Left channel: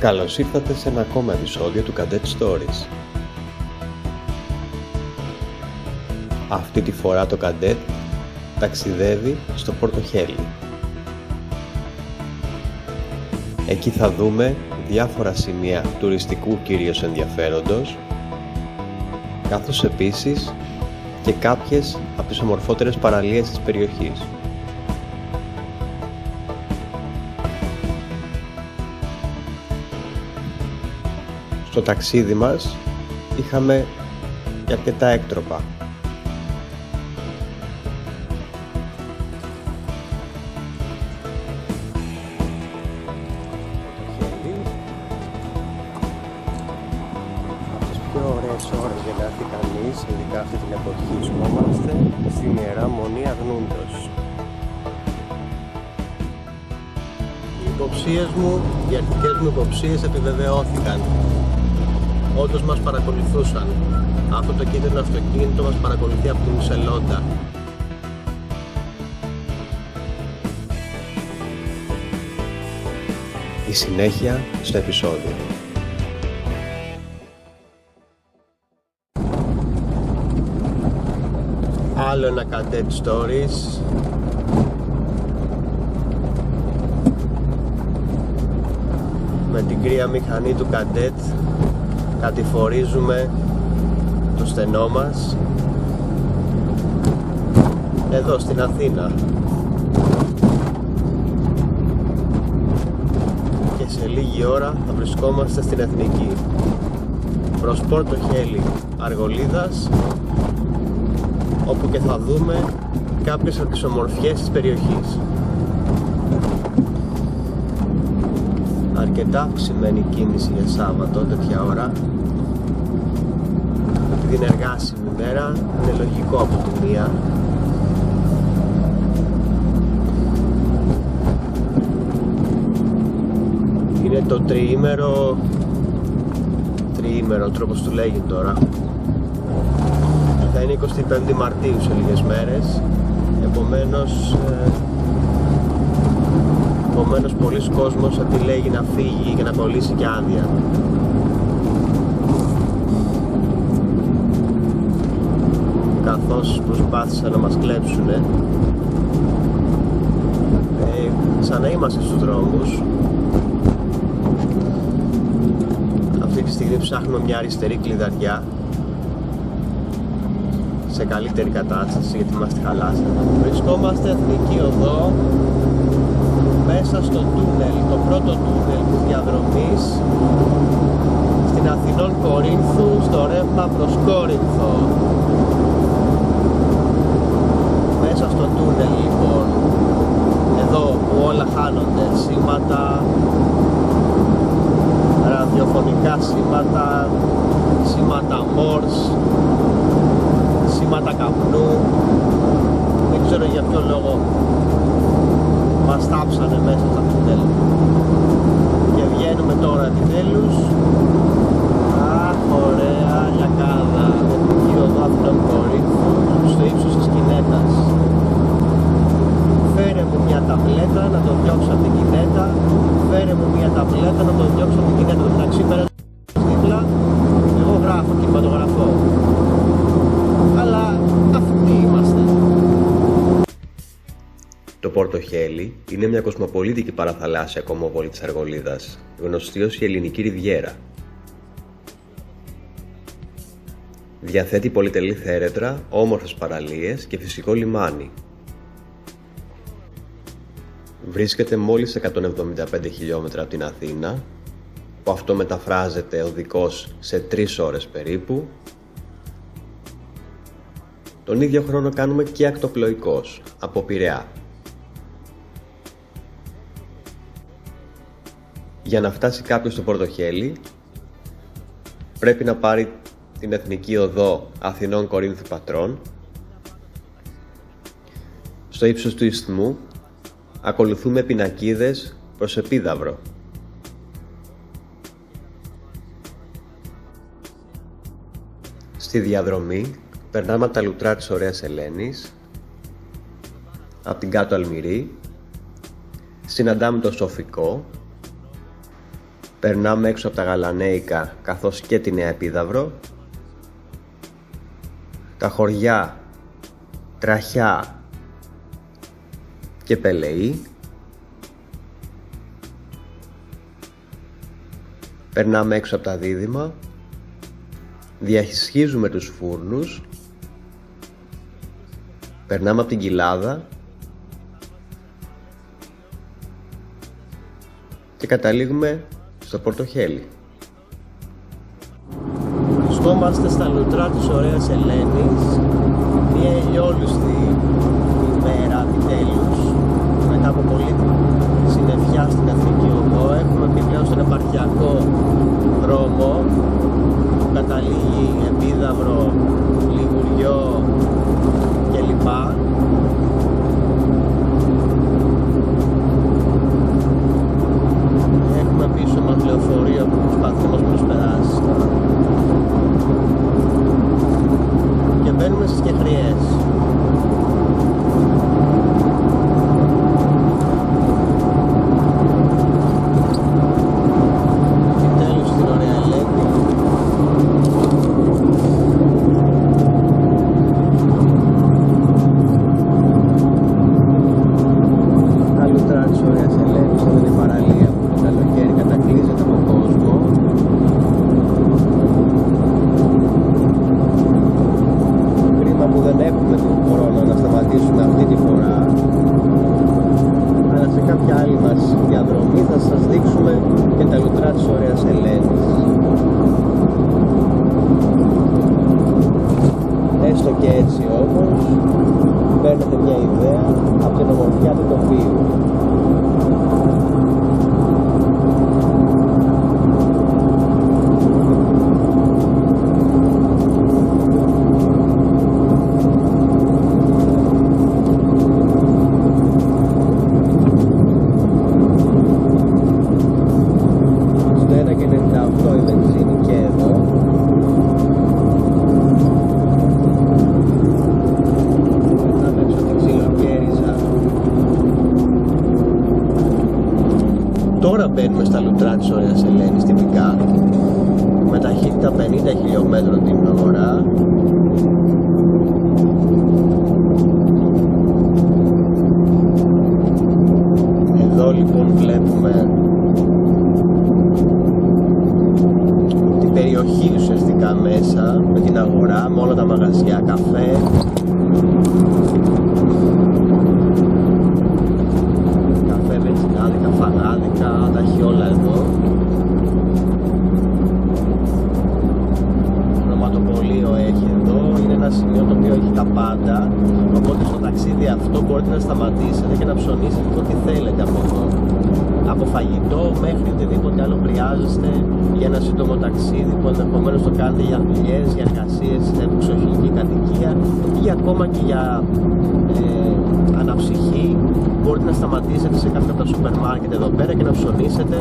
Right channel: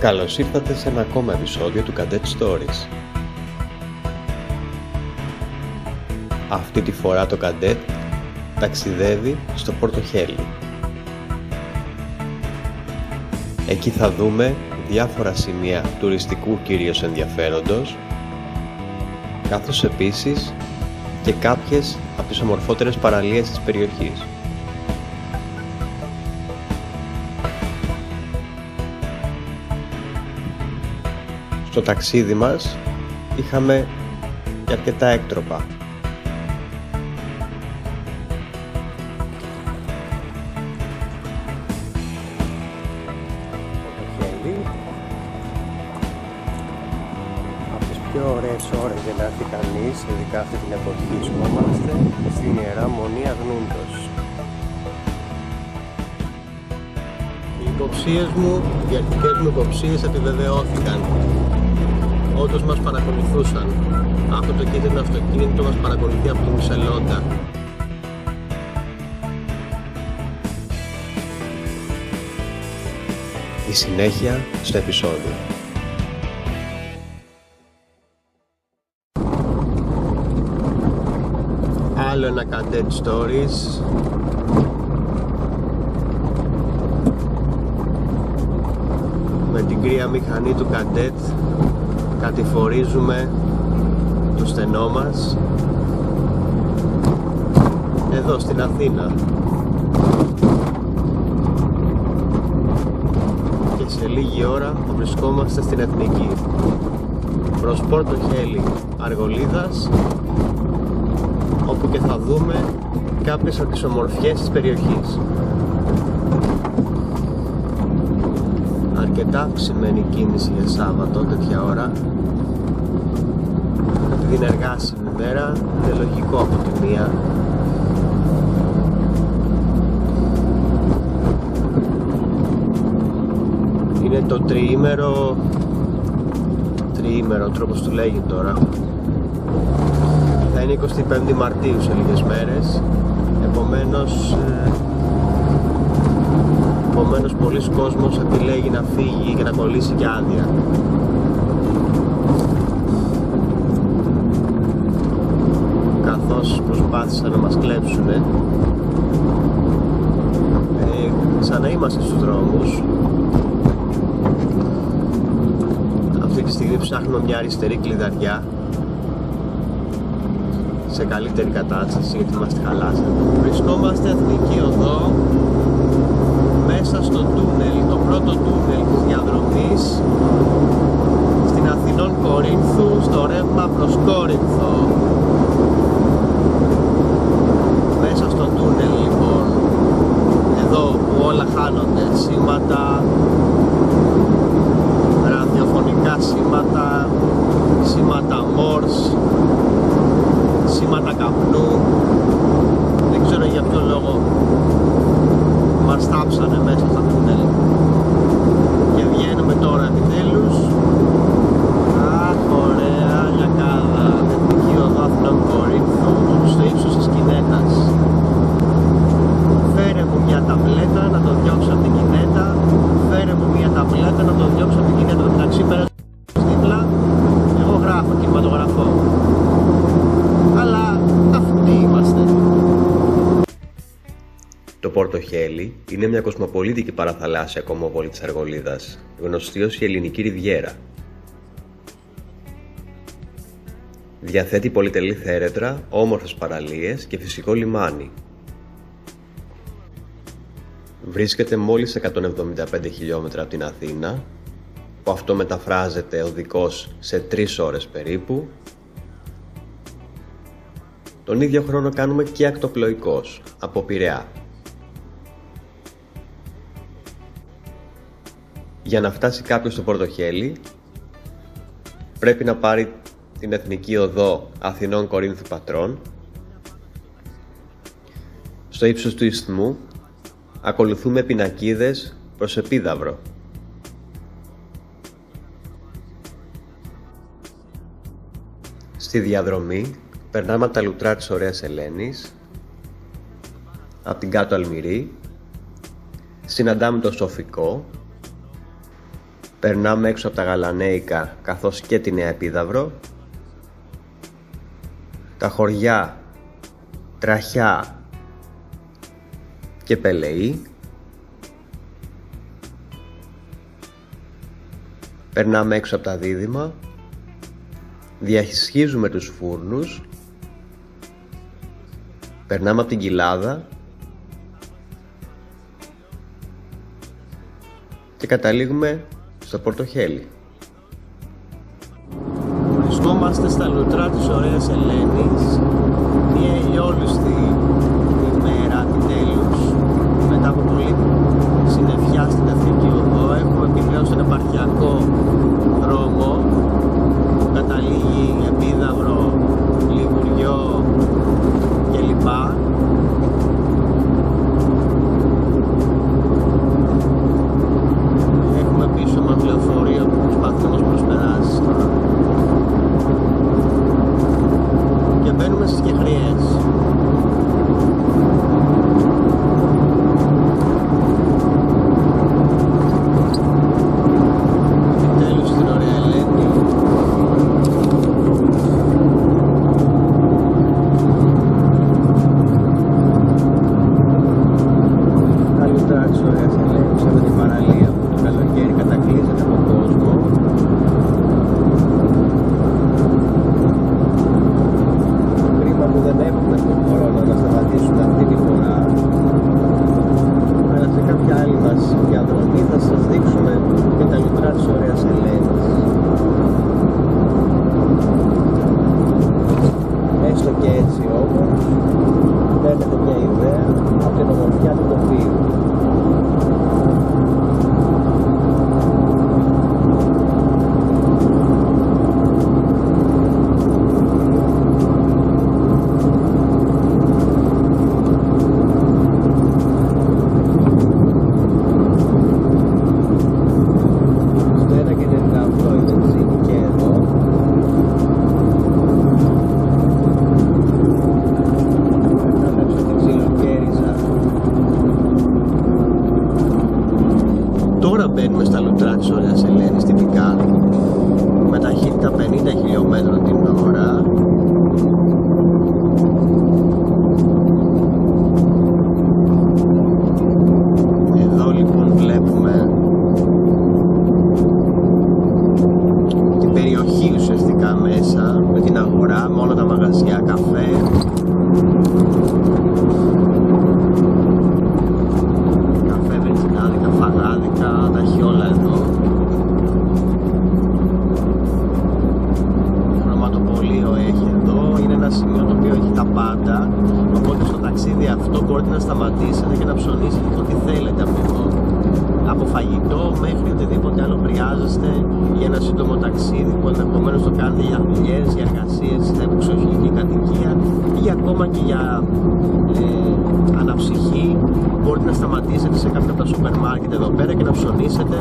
Καλώς ήρθατε σε ένα ακόμα επεισόδιο του Cadet Stories. Αυτή τη φορά το Cadet ταξιδεύει στο Πόρτο Χέλι. Εκεί θα δούμε διάφορα σημεία τουριστικού κυρίως ενδιαφέροντος, καθώς επίσης και κάποιες από τις ομορφότερες παραλίες της περιοχής. Στο ταξίδι μας είχαμε και αρκετά έκτροπα. Από τις πιο ωραίες ώρες για να έρθει κανείς, ειδικά αυτή την εποχή, βρισκόμαστε στην Ιερά Μονή Αγνούντος. Οι αρχικές μου υποψίες επιβεβαιώθηκαν. Όντως μας παρακολουθούσαν. Αυτό το κίτρινο αυτοκίνητο μας παρακολουθεί από την Σελόντα. Η συνέχεια στο επεισόδιο. Άλλο ένα Cadet Stories. Με την κρύα μηχανή του Cadet κατηφορίζουμε το στενό μας εδώ στην Αθήνα και σε λίγη ώρα θα βρισκόμαστε στην Εθνική προς Πόρτο Χέλι Αργολίδας, όπου και θα δούμε κάποιες από τις ομορφιές της περιοχής. Αρκετά αυξημένη κίνηση για Σάββατο τέτοια ώρα. Επειδή είναι εργάσιμη μέρα, είναι λογικό από τη μία. Είναι το τριήμερο, τρόπος του λέγει τώρα. Θα είναι 25 Μαρτίου σε λίγες μέρες. Επομένως πολλοί κόσμος επιλέγει να φύγει και να κολλήσει και άδεια. Καθώς προσπάθησαν να μας κλέψουνε, σαν να είμαστε στους δρόμους. Αυτή τη στιγμή ψάχνουμε μια αριστερή κλειδαριά σε καλύτερη κατάσταση, γιατί μας τη χαλάσανε. Βρισκόμαστε Εθνική Οδό, μέσα στο τούνελ, το πρώτο τούνελ της διαδρομής στην Αθηνών Κορίνθου, στο ρεύμα προς Κόρινθο. Μέσα στο τούνελ λοιπόν, εδώ που όλα χάνονται, σήματα, ραδιοφωνικά σήματα, σήματα Morse, σήματα καπνού, δεν ξέρω για ποιο λόγο μας τάψανε μέσα στα τούνελ και βγαίνουμε τώρα επιτέλους. Αχ, ωραία λιακάδα, Εθνική Οδό Αθηνών Κορίνθου, στο ύψος της Κινέτας. Φέρε μου μια ταμπλέτα να το διώξω από την Κινέτα, φέρε μου μια ταμπλέτα να το διώξω από την Κινέτα. Το μεταξύ πέρασε δίπλα, εγώ γράφω κινηματογραφώ, αλλά αυτοί είμαστε. Το Πόρτο Χέλι είναι μια κοσμοπολίτικη παραθαλάσσια κομμόπολη της Αργολίδας, γνωστή ως η Ελληνική Ριβιέρα. Διαθέτει πολυτελή θέρετρα, όμορφες παραλίες και φυσικό λιμάνι. Βρίσκεται μόλις 175 χιλιόμετρα από την Αθήνα, που αυτό μεταφράζεται οδικός σε 3 ώρες περίπου. Τον ίδιο χρόνο κάνουμε και ακτοπλοϊκός από Πειραιά. Για να φτάσει κάποιος στο Πόρτο Χέλι πρέπει να πάρει την Εθνική Οδό Αθηνών Κορίνθου Πατρών. Στο ύψος του Ισθμού ακολουθούμε πινακίδες προς Επίδαυρο. Στη διαδρομή περνάμε από τα λουτρά της Ωραίας Ελένης, από την κάτω Αλμυρή, συναντάμε το Σοφικό, Περνάμε έξω από τα Γαλανέικα καθώς και τη Νέα Επίδαυρο. Τα χωριά Τραχιά και Πελεή. Περνάμε έξω από τα Δίδυμα. Διασχίζουμε τους Φούρνους. Περνάμε από την Κοιλάδα και καταλήγουμε στο Πορτοχέλι. Βρισκόμαστε στα λουτρά της ωραίας Ελένης, μια ηλιόλουστη ημέρα επιτέλους, μετά από πολύ συννεφιά στην Εθνική Οδό. Έχουμε επιπλέον στον επαρχιακό δρόμο που καταλήγει Επίδαυρο, Λιγουριό κλπ. Έχουμε πίσω μας λεωφορείο που προσπαθεί να μας προσπεράσει και μπαίνουμε στις Κεχριές. Επιτέλους στην ωραία Ελένη. Τα λουτρά της ωραίας Ελένης, εδώ είναι η παραλία που το καλοκαίρι κατακλείζεται από κόσμο. Κρίμα που δεν έχουμε τον χρόνο να σταματήσουμε αυτή τη φορά, αλλά σε κάποια άλλη μας διαδρομή θα σας δείξουμε και τα λουτρά της ωραίας Ελένης. Έστω και έτσι όμως παίρνετε μια ιδέα από την ομορφιά του τοπίου. Τώρα μπαίνουμε στα λουτρά της ωραίας Ελένης τυπικά, με ταχύτητα 50 χιλιόμετρων την ώρα. Εδώ λοιπόν βλέπουμε την περιοχή ουσιαστικά μέσα, με την αγορά, με όλα τα μαγαζιά, καφέ. Βενζινάδικα, φαγάδικα, τα έχει όλα εδώ. Χρωματοπωλείο έχει εδώ, είναι ένα σημείο το οποίο έχει τα πάντα, οπότε στο ταξίδι αυτό μπορείτε να σταματήσετε και να ψωνίσετε ό,τι θέλετε από εδώ. Από φαγητό μέχρι οτιδήποτε άλλο χρειάζεστε για ένα σύντομο ταξίδι που ενδεχομένως το κάνετε για δουλειές, για εργασίες, στην εξοχηλική κατοικία ή ακόμα και για αναψυχή. Μπορείτε να σταματήσετε σε κάποιο από τα σούπερ μάρκετ εδώ πέρα και να ψωνίσετε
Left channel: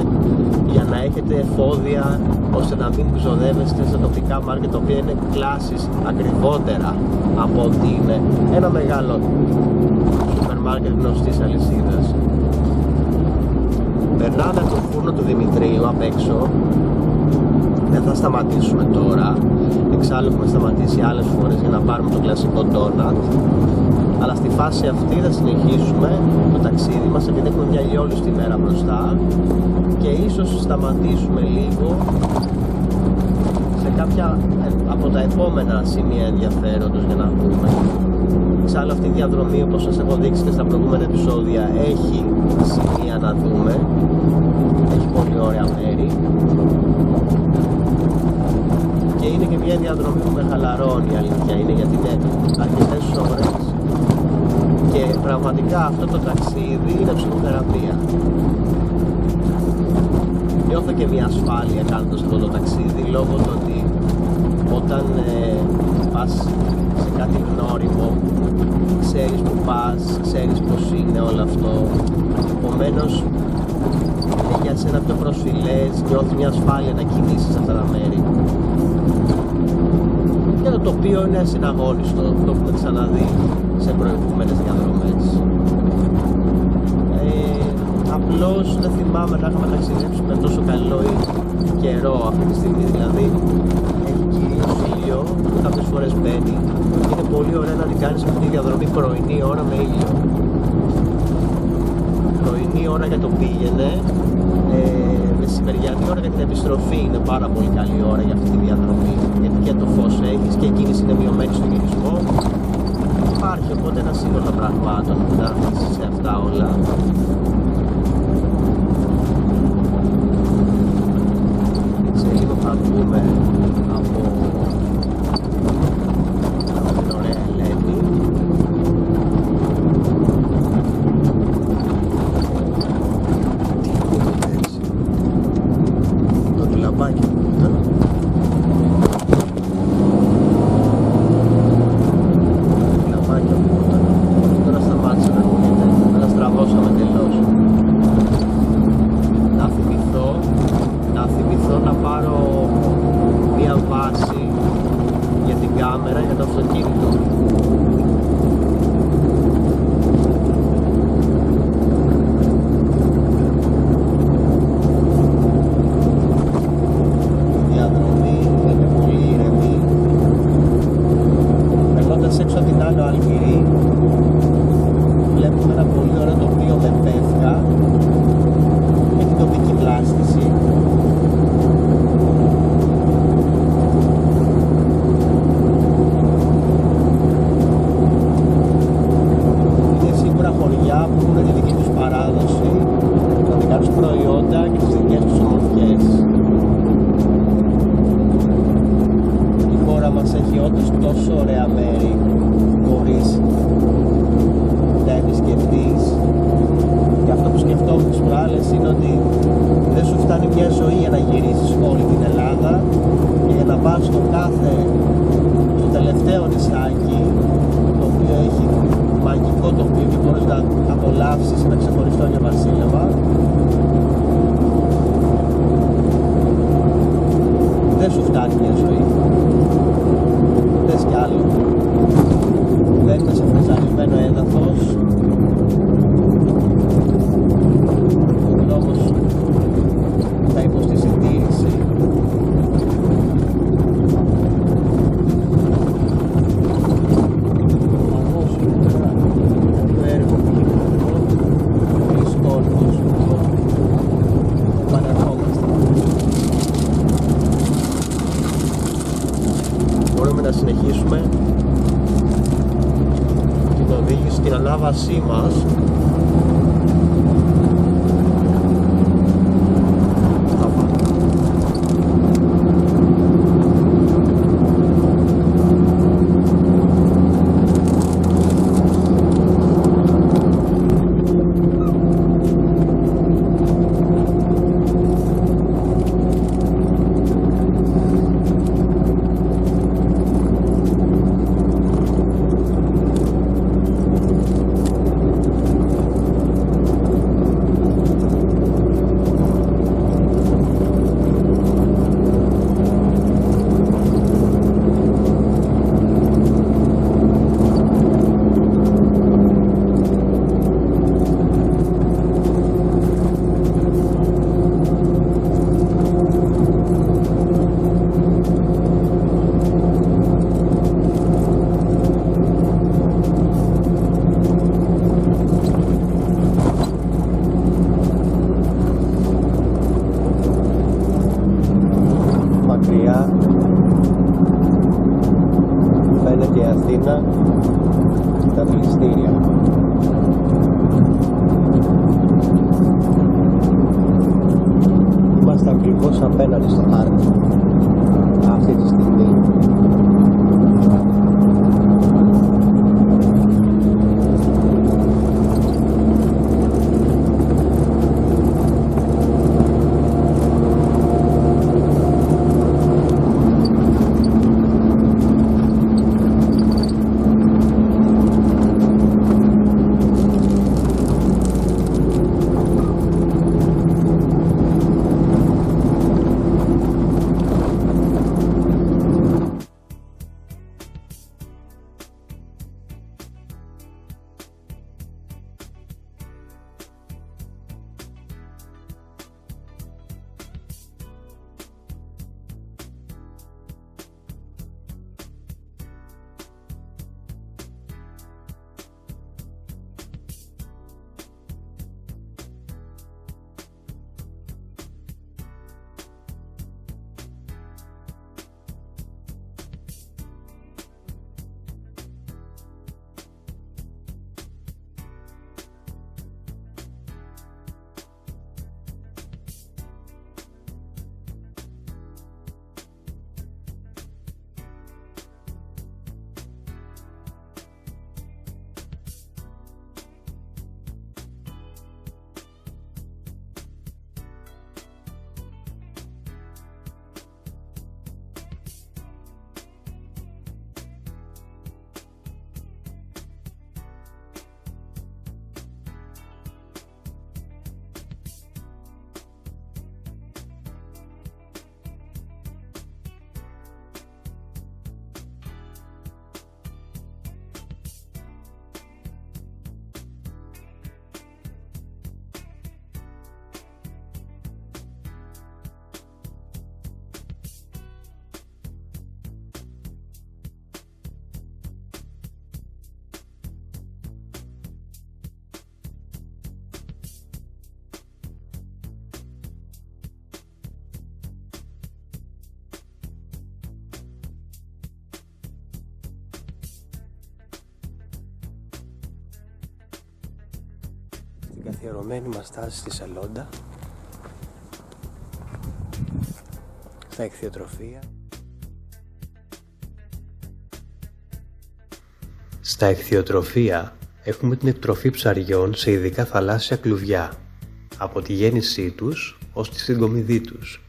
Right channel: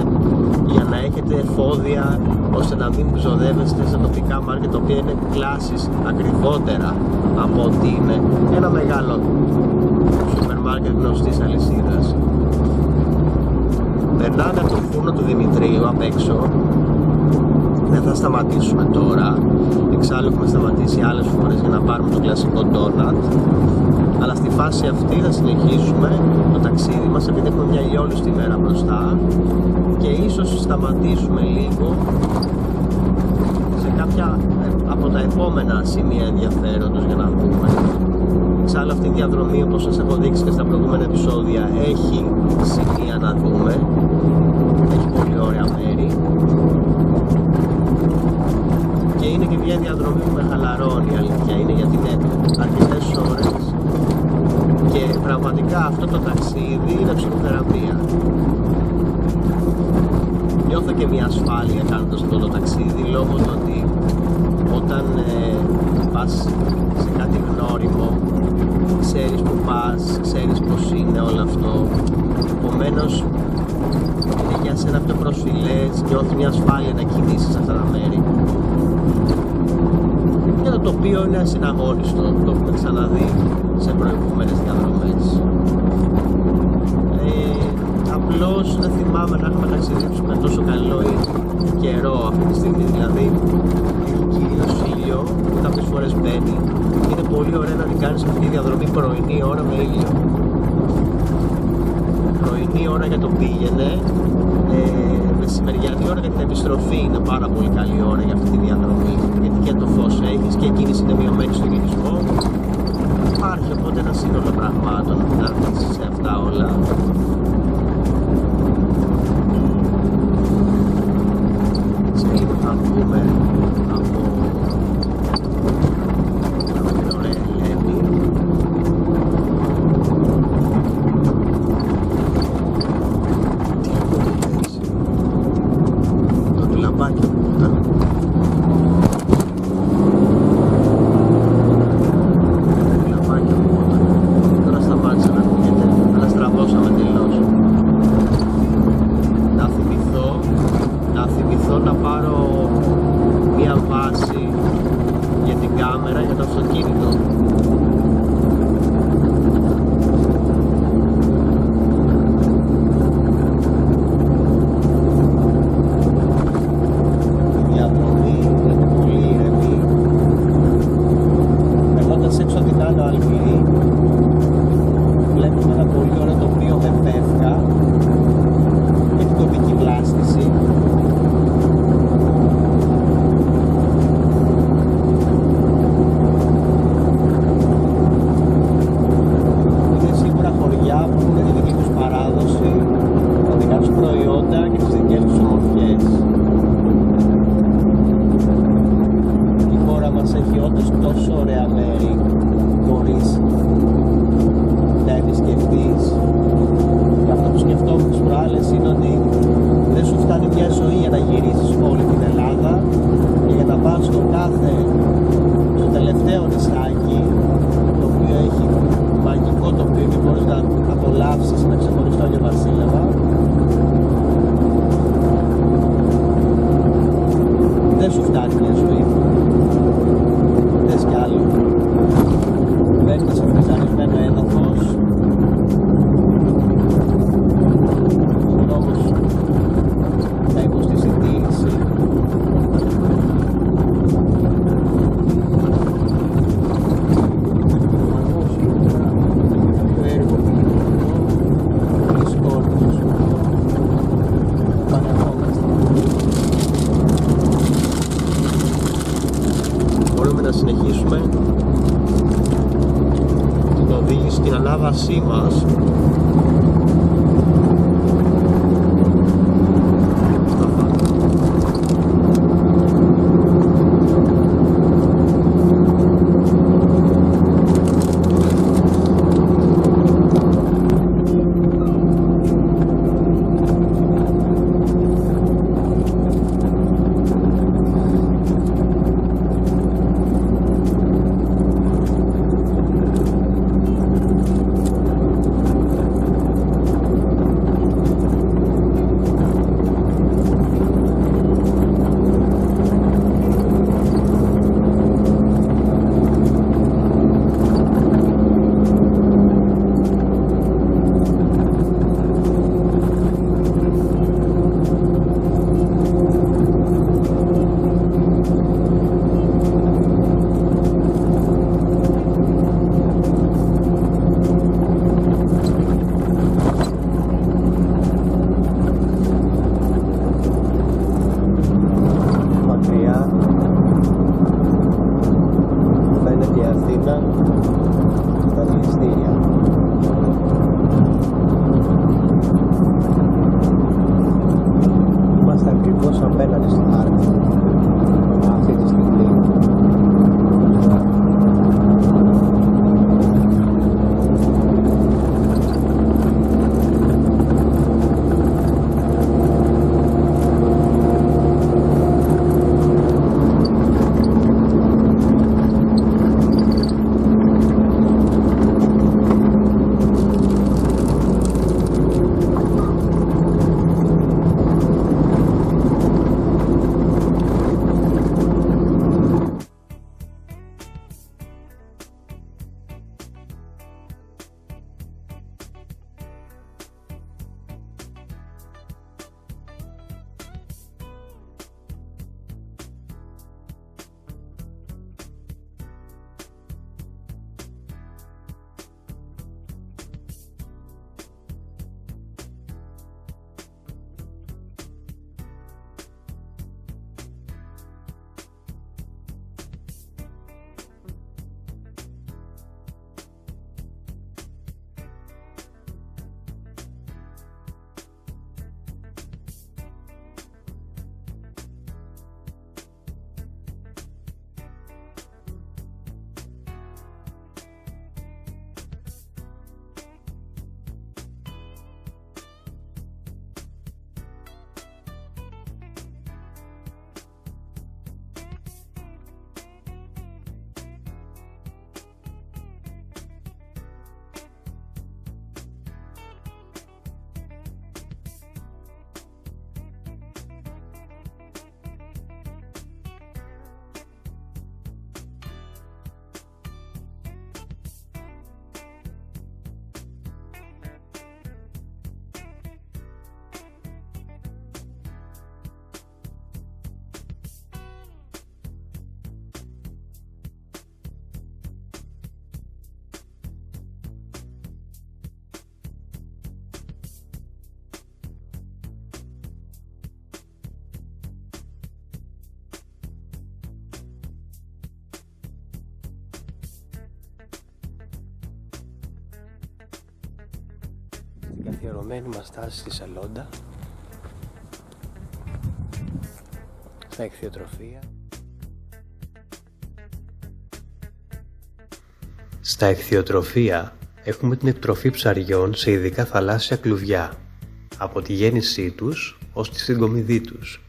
για να έχετε εφόδια, ώστε να μην ξοδεύεστε σε τοπικά μάρκετ τα οποία είναι κλάσεις ακριβότερα από ότι είναι ένα μεγάλο σούπερ μάρκετ γνωστής αλυσίδας. Περνάμε από το φούρνο του Δημητρίου απ' έξω. Δεν θα σταματήσουμε τώρα, εξάλλου έχουμε σταματήσει άλλες φορές για να πάρουμε το κλασικό ντόνατ, αλλά στη φάση αυτή θα συνεχίσουμε το ταξίδι μας επειδή έχουμε μια ηλιόλουστη μέρα μπροστά και ίσως σταματήσουμε λίγο σε κάποια από τα επόμενα σημεία ενδιαφέροντος για να δούμε. Εξάλλου αυτή η διαδρομή, όπως σας έχω δείξει και στα προηγούμενα επεισόδια, έχει σημεία να δούμε, έχει πολύ ωραία μέρη και είναι και μια διαδρομή που με χαλαρώνει, η αλήθεια είναι, γιατί είναι αρκετές ώρες και πραγματικά αυτό το ταξίδι είναι ψυχοθεραπεία. Νιώθω και μια ασφάλεια κάνοντας αυτό το ταξίδι, λόγω του ότι όταν πας σε κάτι γνώριμο, ξέρεις που πας, ξέρεις πως είναι όλο αυτό, επομένως είναι για σένα πιο προσφυλές, νιώθεις μια ασφάλεια να κινήσεις σε αυτά τα μέρη. Και το τοπίο είναι ασυναγώνιστο, το έχουμε ξαναδεί σε προηγούμενες διαδρομές. Απλώς δεν θυμάμαι να έχουμε ταξιδέψει με τόσο καλό καιρό αυτή τη στιγμή. Δηλαδή έχει κυρίως ήλιο, κάποιες φορές μπαίνει. Είναι πολύ ωραία να την κάνεις αυτή τη διαδρομή πρωινή ώρα με ήλιο. Πρωινή ώρα για το πήγαινε, μεσημεριανή ώρα για την επιστροφή είναι πάρα πολύ καλή ώρα για αυτή τη διαδρομή, γιατί και το φως έχεις και η κίνηση είναι μειωμένη στο γυρισμό. Υπάρχει οπότε ένα σύνολο πραγμάτων να αφήσεις σε αυτά όλα. Σε λίγο θα βγούμε από την ωραία Ελένη. Τι ακούγεται έτσι? Το λαμπάκι που ήταν. Τώρα σταμάτησε να ακούγεται, αλλά στραβώσαμε τελώς. Να θυμηθώ να πάρω μια βάση για την κάμερα για το αυτοκίνητο. Η διαδρομή είναι πολύ ήρεμη. Περνώντας έξω την Άνω Αλμυρή, βλέπουμε ένα πολύ ωραίο τοπίο με πεύκα, με την τοπική βλάστηση. Είναι σίγουρα χωριά που έχουν τη δική τους παράδοση, τα δικά τους προϊόντα και τις δικές τους ομορφιές. Η χώρα μας έχει όντως τόσο ωραία μέρη, μπορείς να επισκεφτείς. Και αυτό που σκεφτόμουν τις προάλλες είναι ότι δεν σου φτάνει μια ζωή για να γυρίσεις όλη την Ελλάδα και για να πας στο τελευταίο νησάκι, το οποίο έχει μαγικό τοπίο και μπορείς να απολαύσεις ένα ξεχωριστό Άγιο Βασίλεμα. Δεν σου φτάνει μια ζωή. Θες κι άλλο. Δεν είναι σε φρεζαρισμένο έδαφος. Ο δρόμος θα υποστεί συντήρηση. Όμως το έργο που γίνεται εδώ, πολλοί κόσμος, πανερχόμαστε. Μπορούμε να συνεχίσουμε την οδήγηση, την ανάβασή μας στα Βάτα. Φαίνεται η Αθήνα στα πληστήρια. Είμαστε ακριβώς απέναντι στο χάρτη αυτή τη στιγμή. καθιερωμένη μας στάση στη Σελόντα, στα ηχθειοτροφία. Στα ηχθειοτροφία έχουμε την εκτροφή ψαριών σε ειδικά θαλάσσια κλουβιά, από τη γέννησή τους ως τη συγκομιδή τους.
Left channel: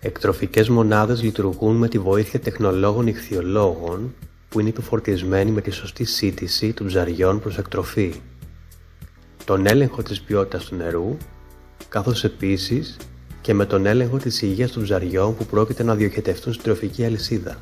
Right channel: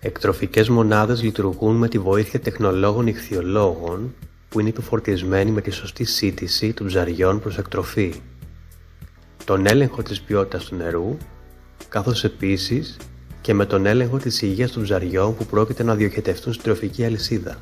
Εκτροφικές μονάδες λειτουργούν με τη βοήθεια τεχνολόγων ηχθειολόγων που είναι επιφορτισμένοι με τη σωστή σύτηση των ψαριών προς εκτροφή, τον έλεγχο της ποιότητας του νερού, καθώς επίσης και με τον έλεγχο της υγείας των ψαριών που πρόκειται να διοχετευτούν στην τροφική αλυσίδα.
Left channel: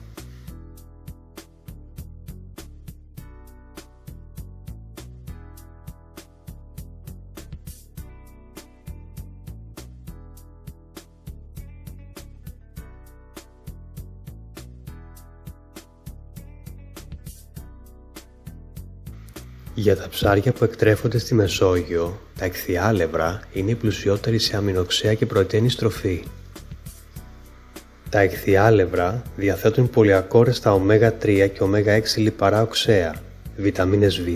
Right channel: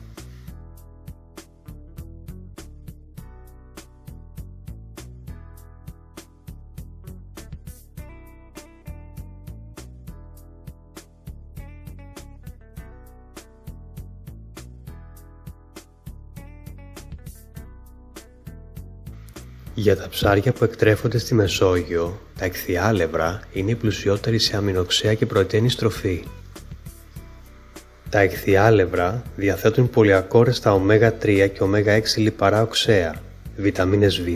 Για τα ψάρια που εκτρέφονται στη Μεσόγειο, τα ηχθιάλευρα είναι η πλουσιότερη σε αμινοξέα και πρωτεΐνη τροφή. Τα ηχθιάλευρα διαθέτουν πολυακόρεστα ω3 και ω6 λιπαρά οξέα, βιταμίνες Β,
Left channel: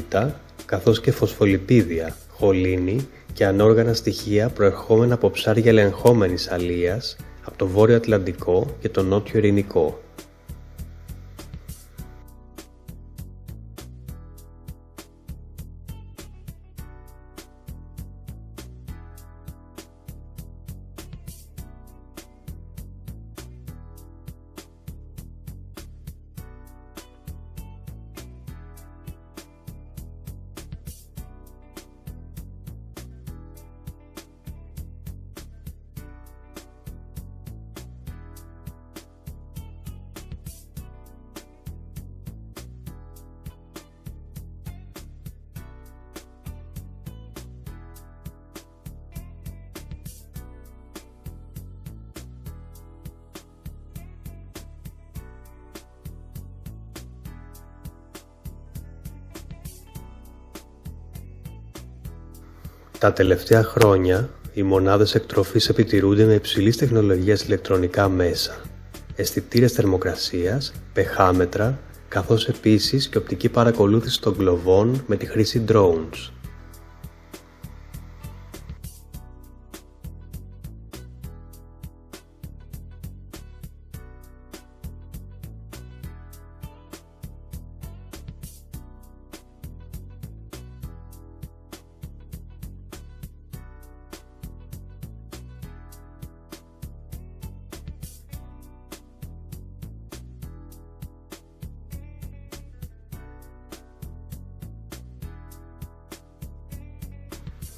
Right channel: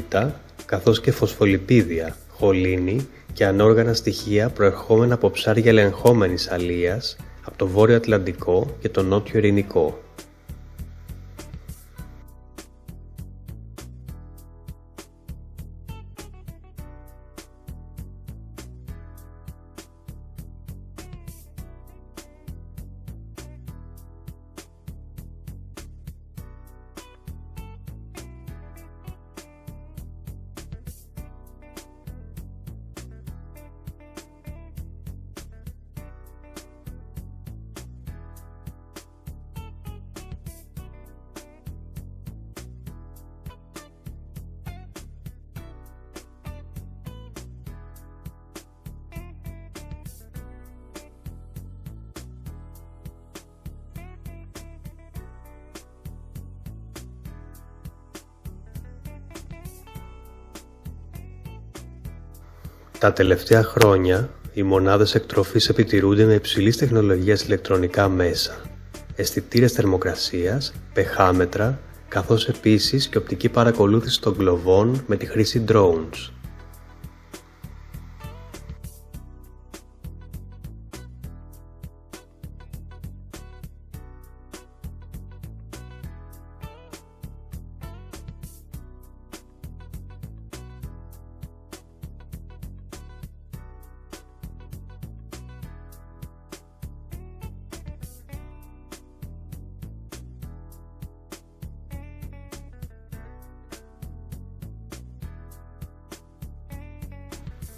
καθώς και φωσφολιπίδια, χολίνη και ανόργανα στοιχεία προερχόμενα από ψάρια ελεγχόμενης αλίας από το Βόρειο Ατλαντικό και το Νότιο Ειρηνικό. Τα τελευταία χρόνια, οι μονάδες εκτροφής επιτηρούνται με υψηλής τεχνολογίας ηλεκτρονικά μέσα, αισθητήρες θερμοκρασίας, πεχάμετρα, καθώς επίσης και οπτική παρακολούθηση των κλοβών με τη χρήση drones.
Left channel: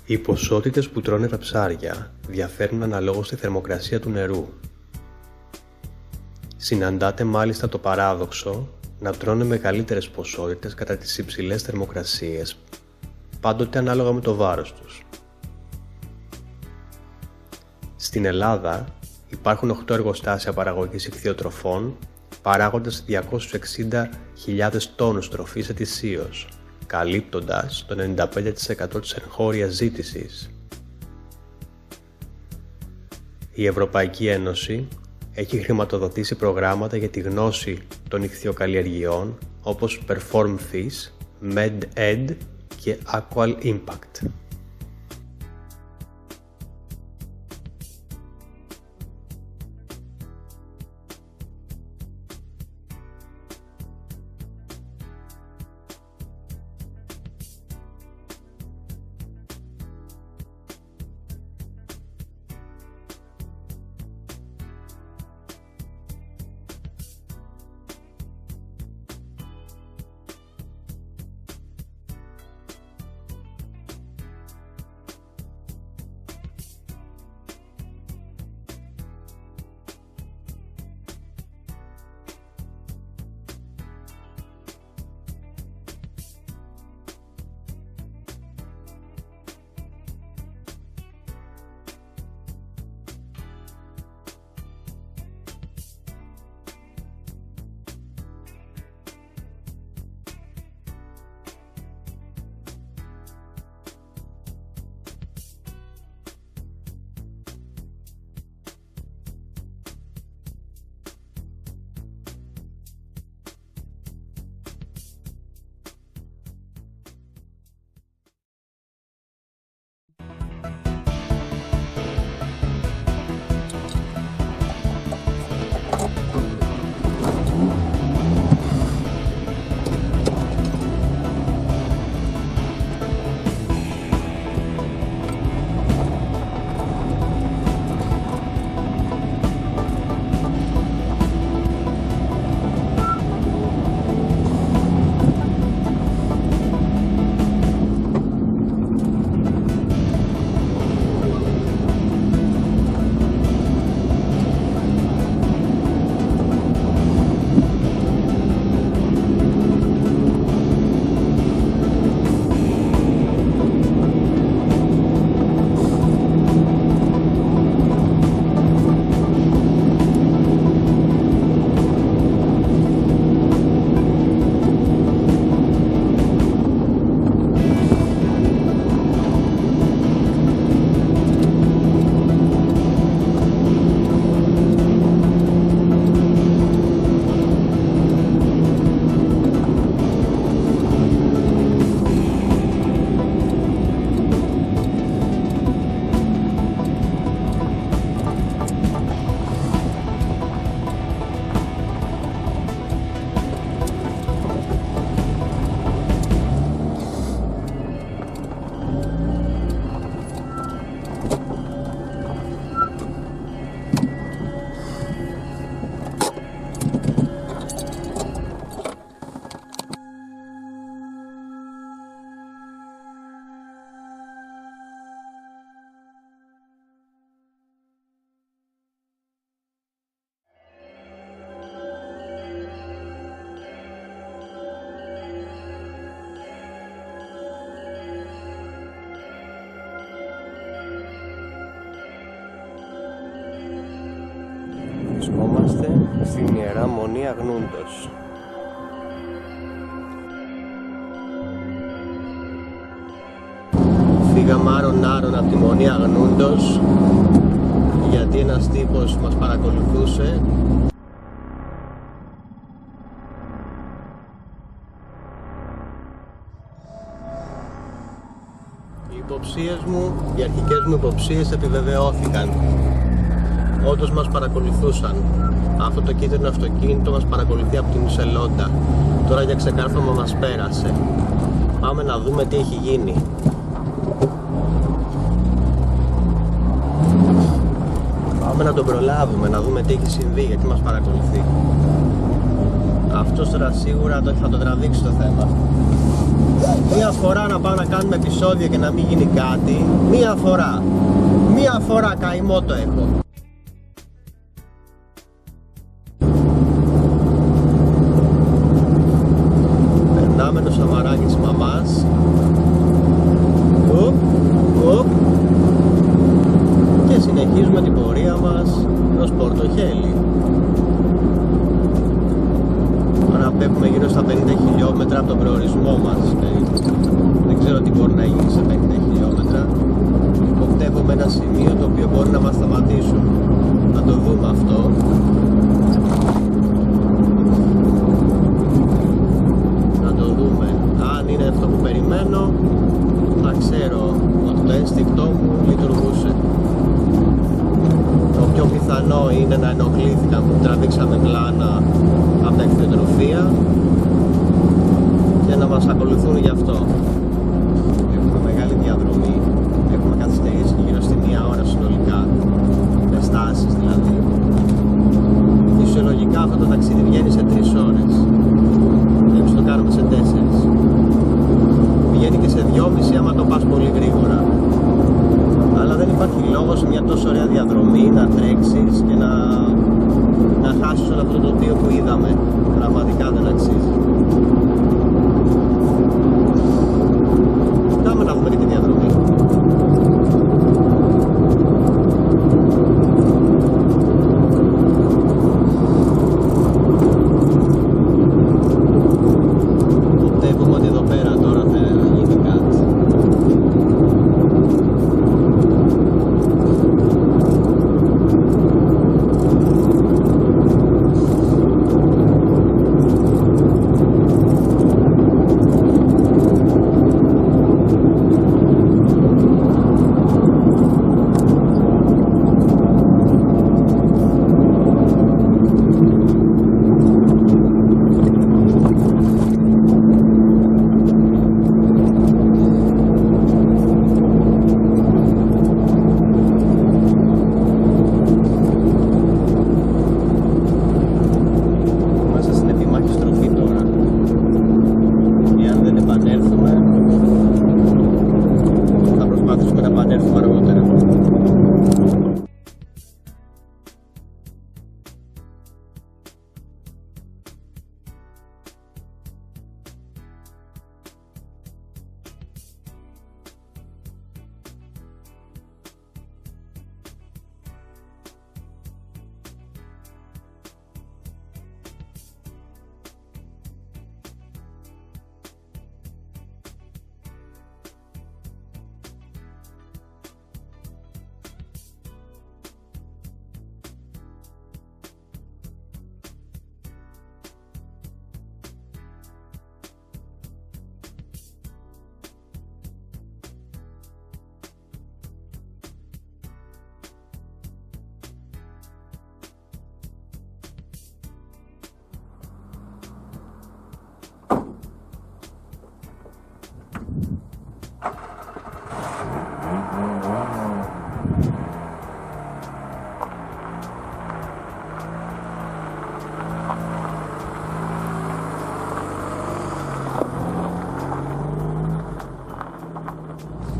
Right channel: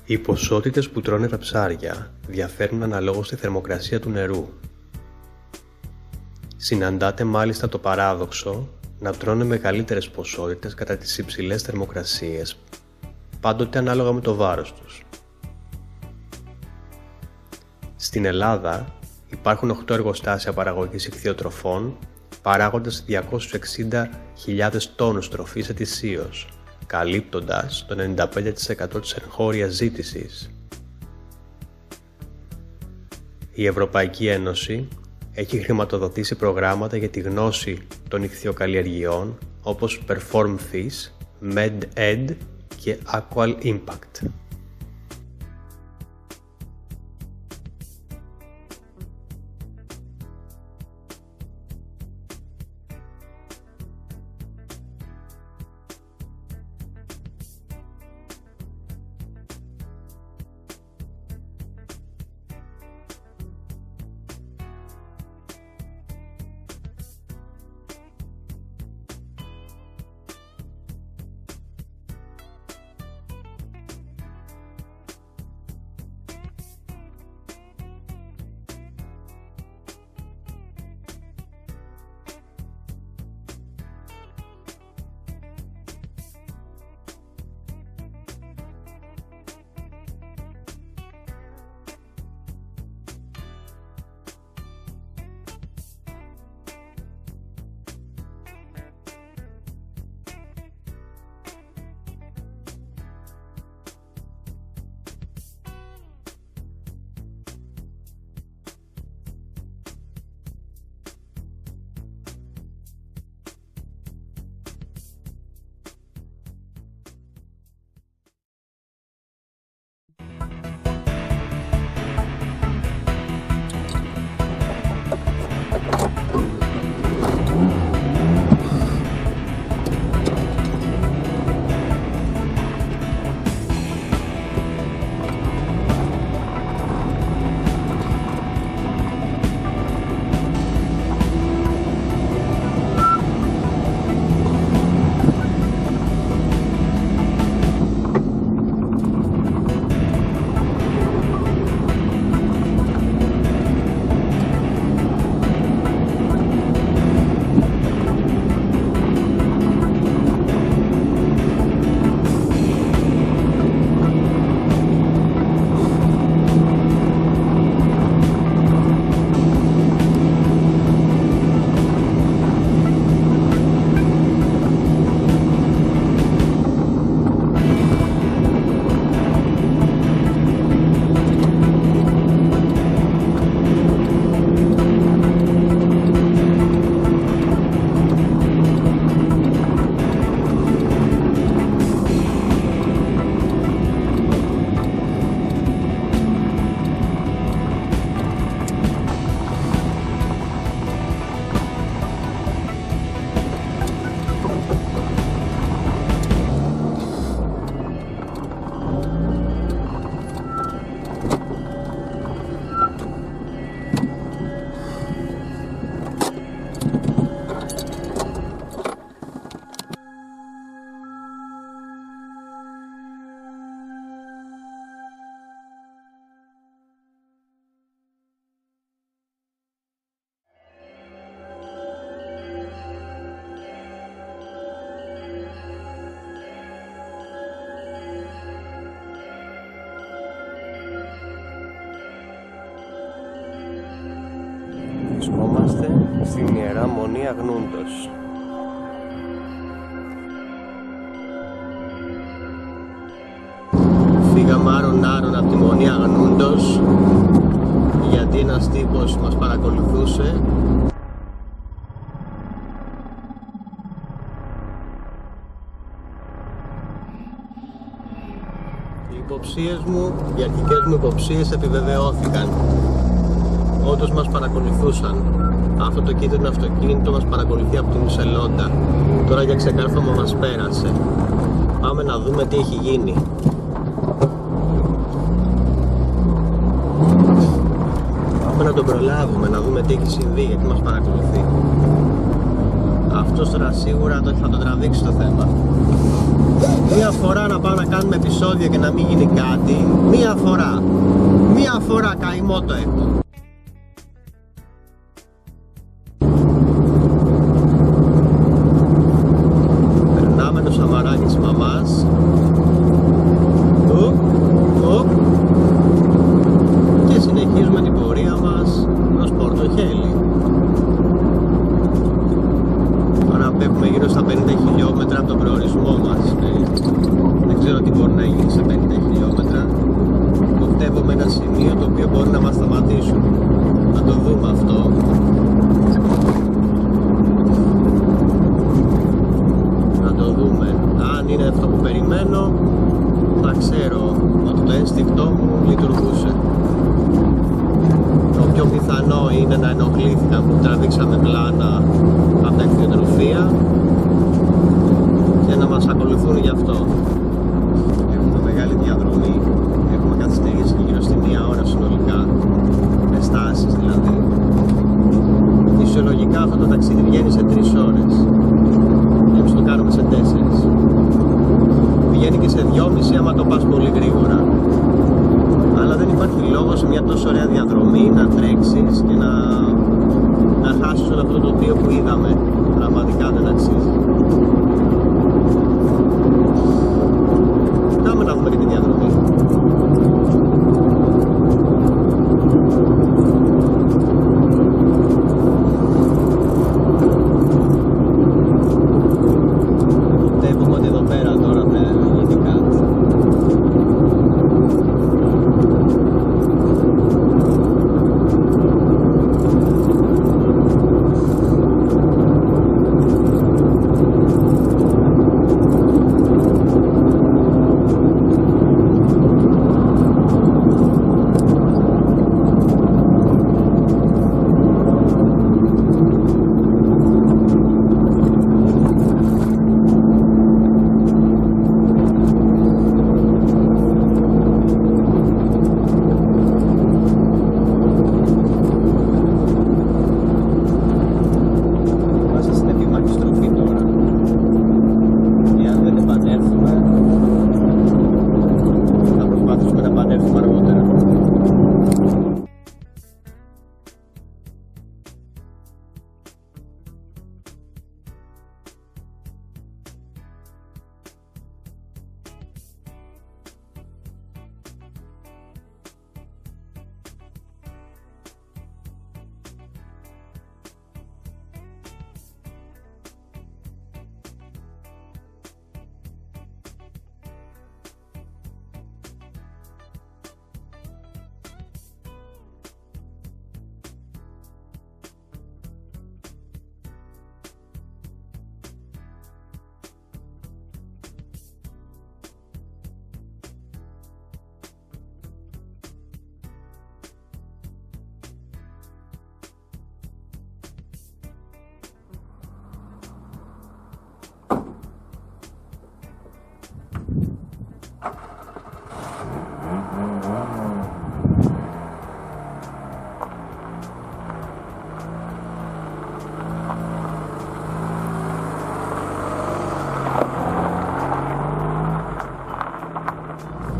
Οι ποσότητες που τρώνε τα ψάρια διαφέρουν αναλόγως στη θερμοκρασία του νερού. Συναντάται μάλιστα το παράδοξο να τρώνε μεγαλύτερες ποσότητες κατά τις υψηλές θερμοκρασίες, πάντοτε ανάλογα με το βάρος τους. Στην Ελλάδα υπάρχουν 8 εργοστάσια παραγωγής ηχθειοτροφών, παράγοντας 260.000 τόνους τροφής ετησίως, καλύπτοντας το 95% της εγχώριας ζήτησης. Η Ευρωπαϊκή Ένωση έχει χρηματοδοτήσει προγράμματα για τη γνώση των ηχθειοκαλλιεργειών όπως Perform Fish, Med-Ed και Aqual Impact. Βρισκόμαστε στην Ιερά Μονή Αγνούντος. Φύγαμε άρον από τη Μονή Αγνούντος γιατί ένας τύπος μας παρακολουθούσε. Οι αρχικές μου υποψίες επιβεβαιώθηκαν. Όντως μας παρακολουθούσαν. Αυτό το κίτρινο αυτοκίνητο μας παρακολουθεί από την Ουσελόντα. Τώρα για ξεκάρφωμα μας πέρασε. Πάμε να δούμε τι έχει γίνει. Πάμε να τον προλάβουμε, να δούμε τι έχει συμβεί, γιατί μας παρακολουθεί. Αυτός τώρα σίγουρα θα το τραβήξει το θέμα. Μία φορά να πάω να κάνουμε επεισόδιο και να μην γίνει κάτι. Μία φορά καημό το έχω. Περνάμε το σαμαράκι της μαμάς. Και συνεχίζουμε την πορεία μας προς Πορτοχέλη. Τώρα απέχουμε γύρω στα 50 χιλιόμετρα από τον προορισμό μας. Δεν ξέρω τι μπορεί να γίνει σε 50 χιλιόμετρα. Κοντεύουμε ένα σημείο το οποίο μπορεί να μας σταματήσουν. Θα το δούμε αυτό. Να το δούμε. Αν είναι αυτό που περιμένω, θα ξέρω ότι το ένστικτό μου λειτουργούσε. Το πιο πιθανό είναι να ενοχλήθηκαν που τραβήξαμε πλάνα από τα κτηνοτροφία και να μας ακολουθούν γι' αυτό. Έχουμε μεγάλη διαδρομή, έχουμε καθυστερήσει γύρω στη 1 ώρα συνολικά, με στάσεις δηλαδή. Φυσιολογικά αυτό το ταξίδι βγαίνει σε 3 ώρες, εμείς το κάνουμε σε 4. Βγαίνει και σε 2,5 άμα το πας πολύ γρήγορα. Αλλά δεν υπάρχει λόγο σε μια τόσο ωραία διαδρομή να τρέξεις και να χάσεις όλο αυτό το τοπίο που είδαμε. Πραγματικά δεν αξίζει. Πάμε να δούμε και τη διαδρομή. Βλέπουμε ότι εδώ πέρα τώρα θα γίνει κάτι.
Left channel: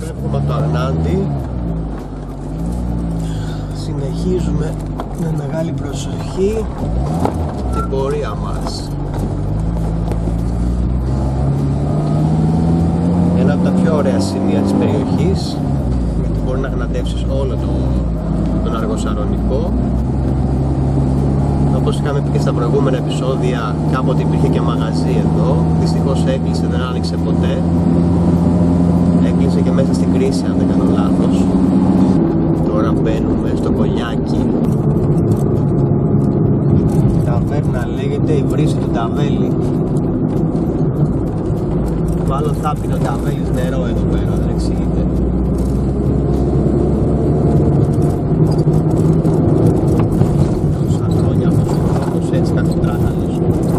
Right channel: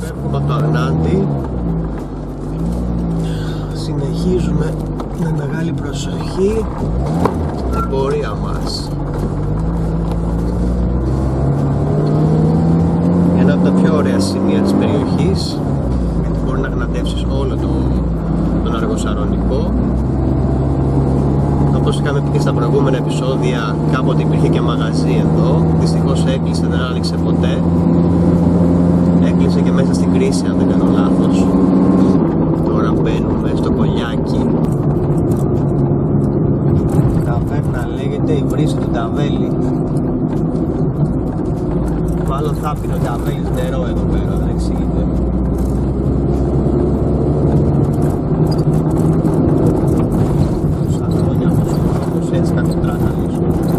Φεύγουμε από το Αρνάντι. Συνεχίζουμε με μεγάλη προσοχή την πορεία μας. Ένα από τα πιο ωραία σημεία της περιοχής, γιατί μπορεί να γνατεύσεις όλο τον Αργοσαρονικό. Όπως είχαμε πει και στα προηγούμενα επεισόδια, κάποτε υπήρχε και μαγαζί εδώ. Δυστυχώς έκλεισε, δεν άνοιξε ποτέ. Έκλεισε και μέσα στην κρίση, αν δεν κάνω λάθος. Τώρα μπαίνουμε στο Κολιάκι. Η ταβέρνα λέγεται η Βρύση του Ταβέλη. Μάλλον θα πίνει ο Ταβέλης νερό εδώ πέρα, δεν εξηγείται. Τόσα χρόνια αυτός ο δρόμος έτσι κακοτράχαλος,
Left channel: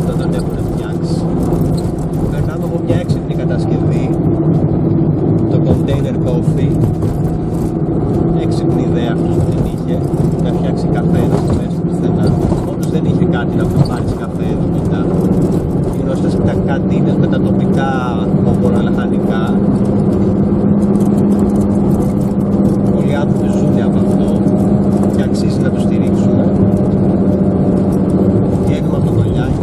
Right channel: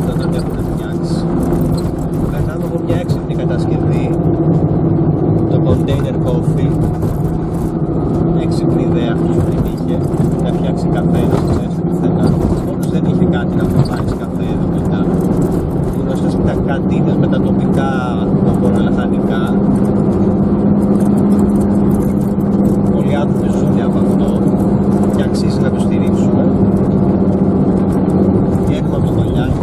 δεν τον έχουν φτιάξει. Περνάμε από μια έξυπνη κατασκευή, το Container Coffee. Έξυπνη ιδέα αυτός που την είχε, να φτιάξει καφέ εδώ στο μέσα του πουθενά. Μόνος δεν είχε κάτι να προβάλλεις καφέ εδώ μετά. Γνωστές καντίνες με τα τοπικά οπορολαχανικά. Πολλοί άνθρωποι ζουν από αυτό και αξίζει να το στηρίξουμε. Βγαίνουμε από το Κολιάκι.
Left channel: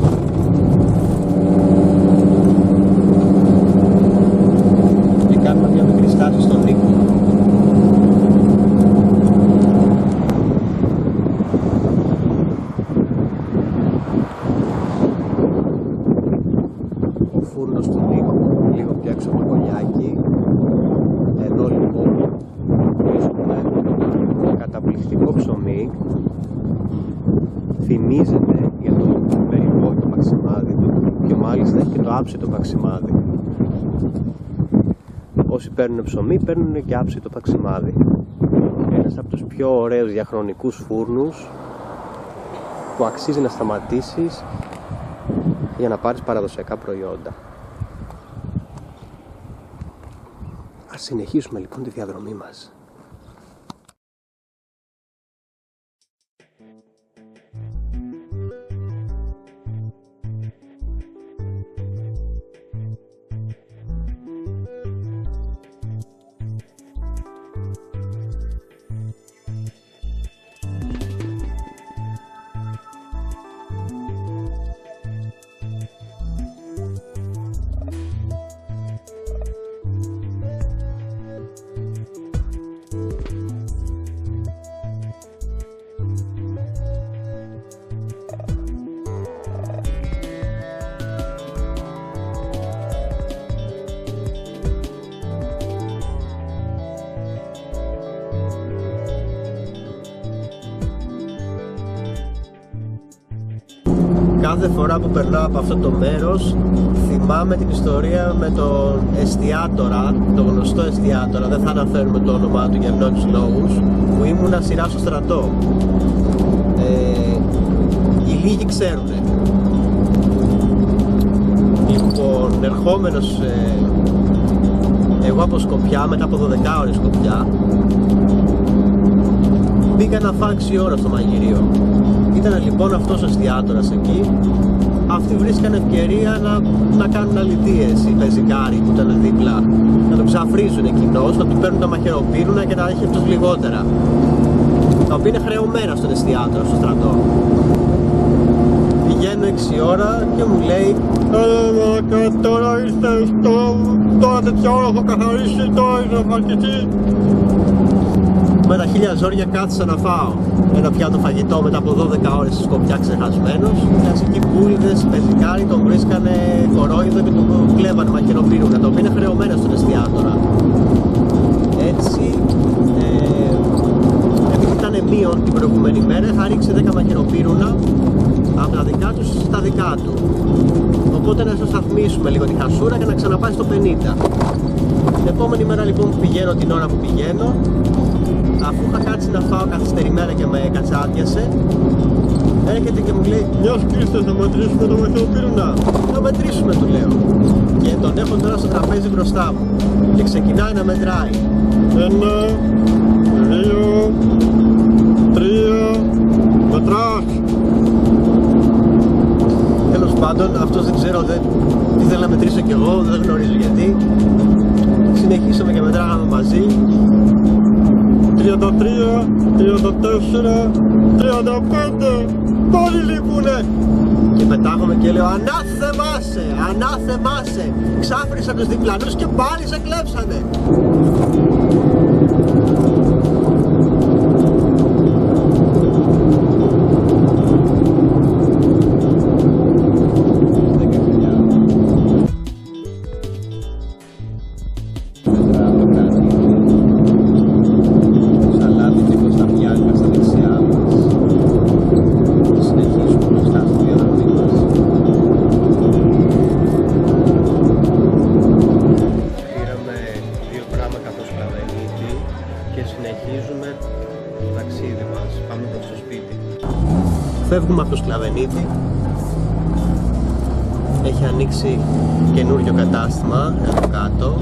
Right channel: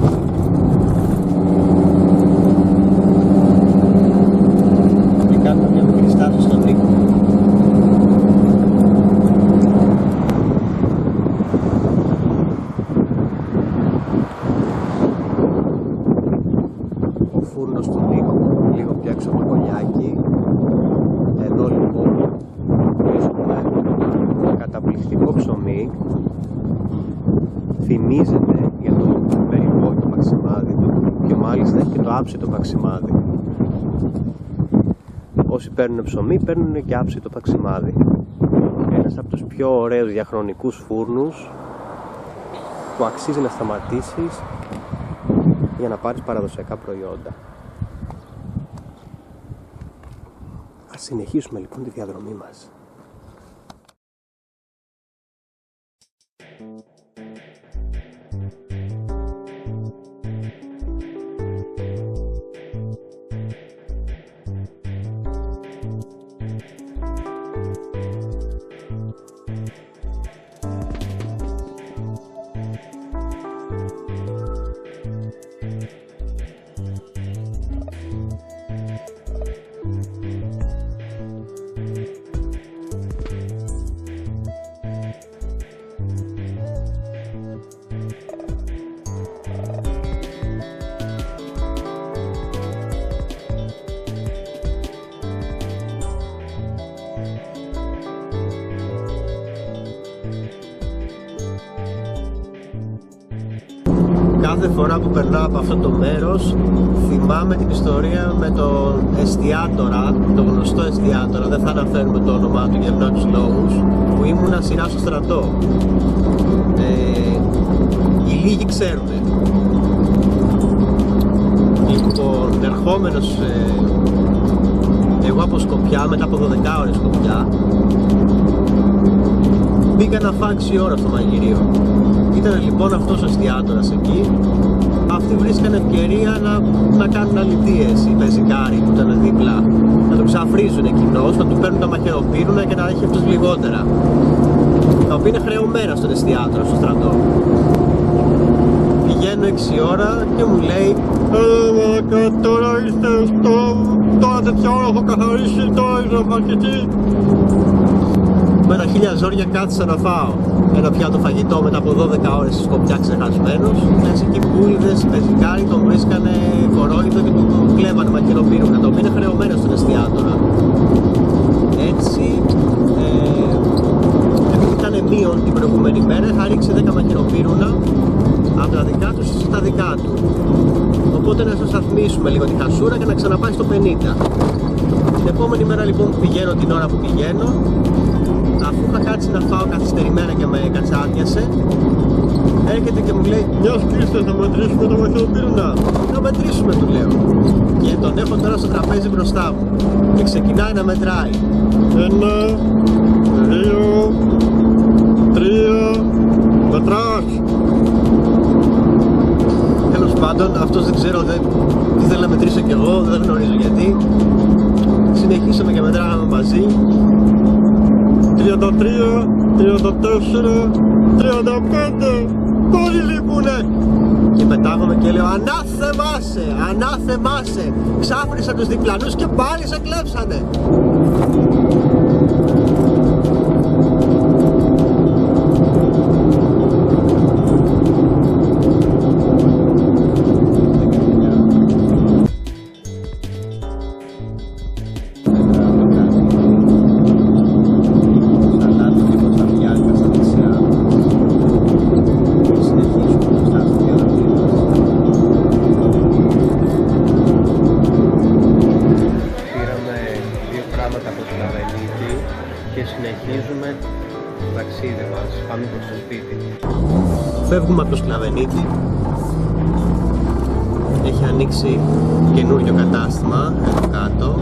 Και κάνουμε μια μικρή στάση στον Νίκο. Ο φούρνος του Νίκου, λίγο πιο έξω από το Κολιάκι. Εδώ λοιπόν βρίσκουμε καταπληκτικό ψωμί. Θυμίζεται για το μερικό και το παξιμάδι του και μάλιστα έχει και το άψητο παξιμάδι. Όσοι παίρνουν ψωμί παίρνουν και άψητο παξιμάδι. Ένας από τους πιο ωραίους διαχρονικούς φούρνους που αξίζει να σταματήσεις για να πάρεις παραδοσιακά προϊόντα. Ας συνεχίσουμε λοιπόν τη διαδρομή μας. Κάθε φορά που περνάω από αυτό το μέρος θυμάμαι την ιστορία με τον εστιάτορα, το γνωστό εστιάτορα, δεν θα αναφέρουμε το όνομά του για ευνόητους λόγους, που ήμουνα σειρά στο στρατό. Οι λίγοι ξέρουνε. Λοιπόν, ερχόμενος εγώ από Σκοπιά, μετά από 12 ώρες Σκοπιά, πήγα να φάω 6 ώρα στο μαγειρίο. Ήταν λοιπόν αυτός ο εστιάτορας εκεί. Αυτοί βρίσκαν ευκαιρία να κάνουν αλητίες οι πεζικάροι που ήταν δίπλα. Να το ξαφρίζουν εκείνος, να του παίρνουν τα μαχαιροπύρουνα και να έχει αυτός λιγότερα. Τα οποία είναι χρεωμένα στον εστιάτορα, στο στρατό. Πηγαίνω 6 ώρα και μου λέει τώρα ήρθε τώρα τέτοια ώρα έχω καθαρίσει, τώρα ήρθε να φαρκηθεί. Με τα χίλια ζόρια κάθισα να φάω ένα πιάτο φαγητό μετά από 12 ώρες στη Σκοπιά ξεχασμένος. Κλασικοί πουλίδες, πεζικάροι τον βρίσκανε κορόιδο και του κλέβανε μαχαιροπύρουνα, τα οποία είναι χρεωμένα στον εστιάτορα. Έτσι, επειδή ήταν μείον την προηγούμενη μέρα, είχα ρίξει 10 μαχαιροπύρουνα από τα δικά του στα δικά του. Οπότε να σας σταθμίσουμε λίγο τη χασούρα και να ξαναπάει στο 50. Την επόμενη μέρα λοιπόν που πηγαίνω, την ώρα που πηγαίνω, αφού είχα κάτσει να φάω καθυστερημένα και με κατσάτιασε, έρχεται και μου λέει «Γεια Χρήστος, να μετρήσουμε το μαχαιροπύρουνα». «Να μετρήσουμε», του λέω. Και τον έχω τώρα στο τραπέζι μπροστά μου και ξεκινάει να μετράει. 1, 2, 3, μετράς. Τέλος πάντων, αυτός δεν ξέρω, τι θέλω να μετρήσω κι εγώ, δεν γνωρίζω γιατί. Συνεχίσαμε και μετράγαμε μαζί. 33, 34, 35, πάλι λείπουνε. Και πετάγαμε και λέω ανάθεμάσαι, ανάθεμάσαι. Ξάφρισα τους διπλανούς και πάλι σε κλέψανε. συνεχίζουμε το ταξίδι μας, πάμε προς το σπίτι. Φεύγουμε από το Σκλαβενίτη. Έχει ανοίξει καινούριο κατάστημα εδώ κάτω.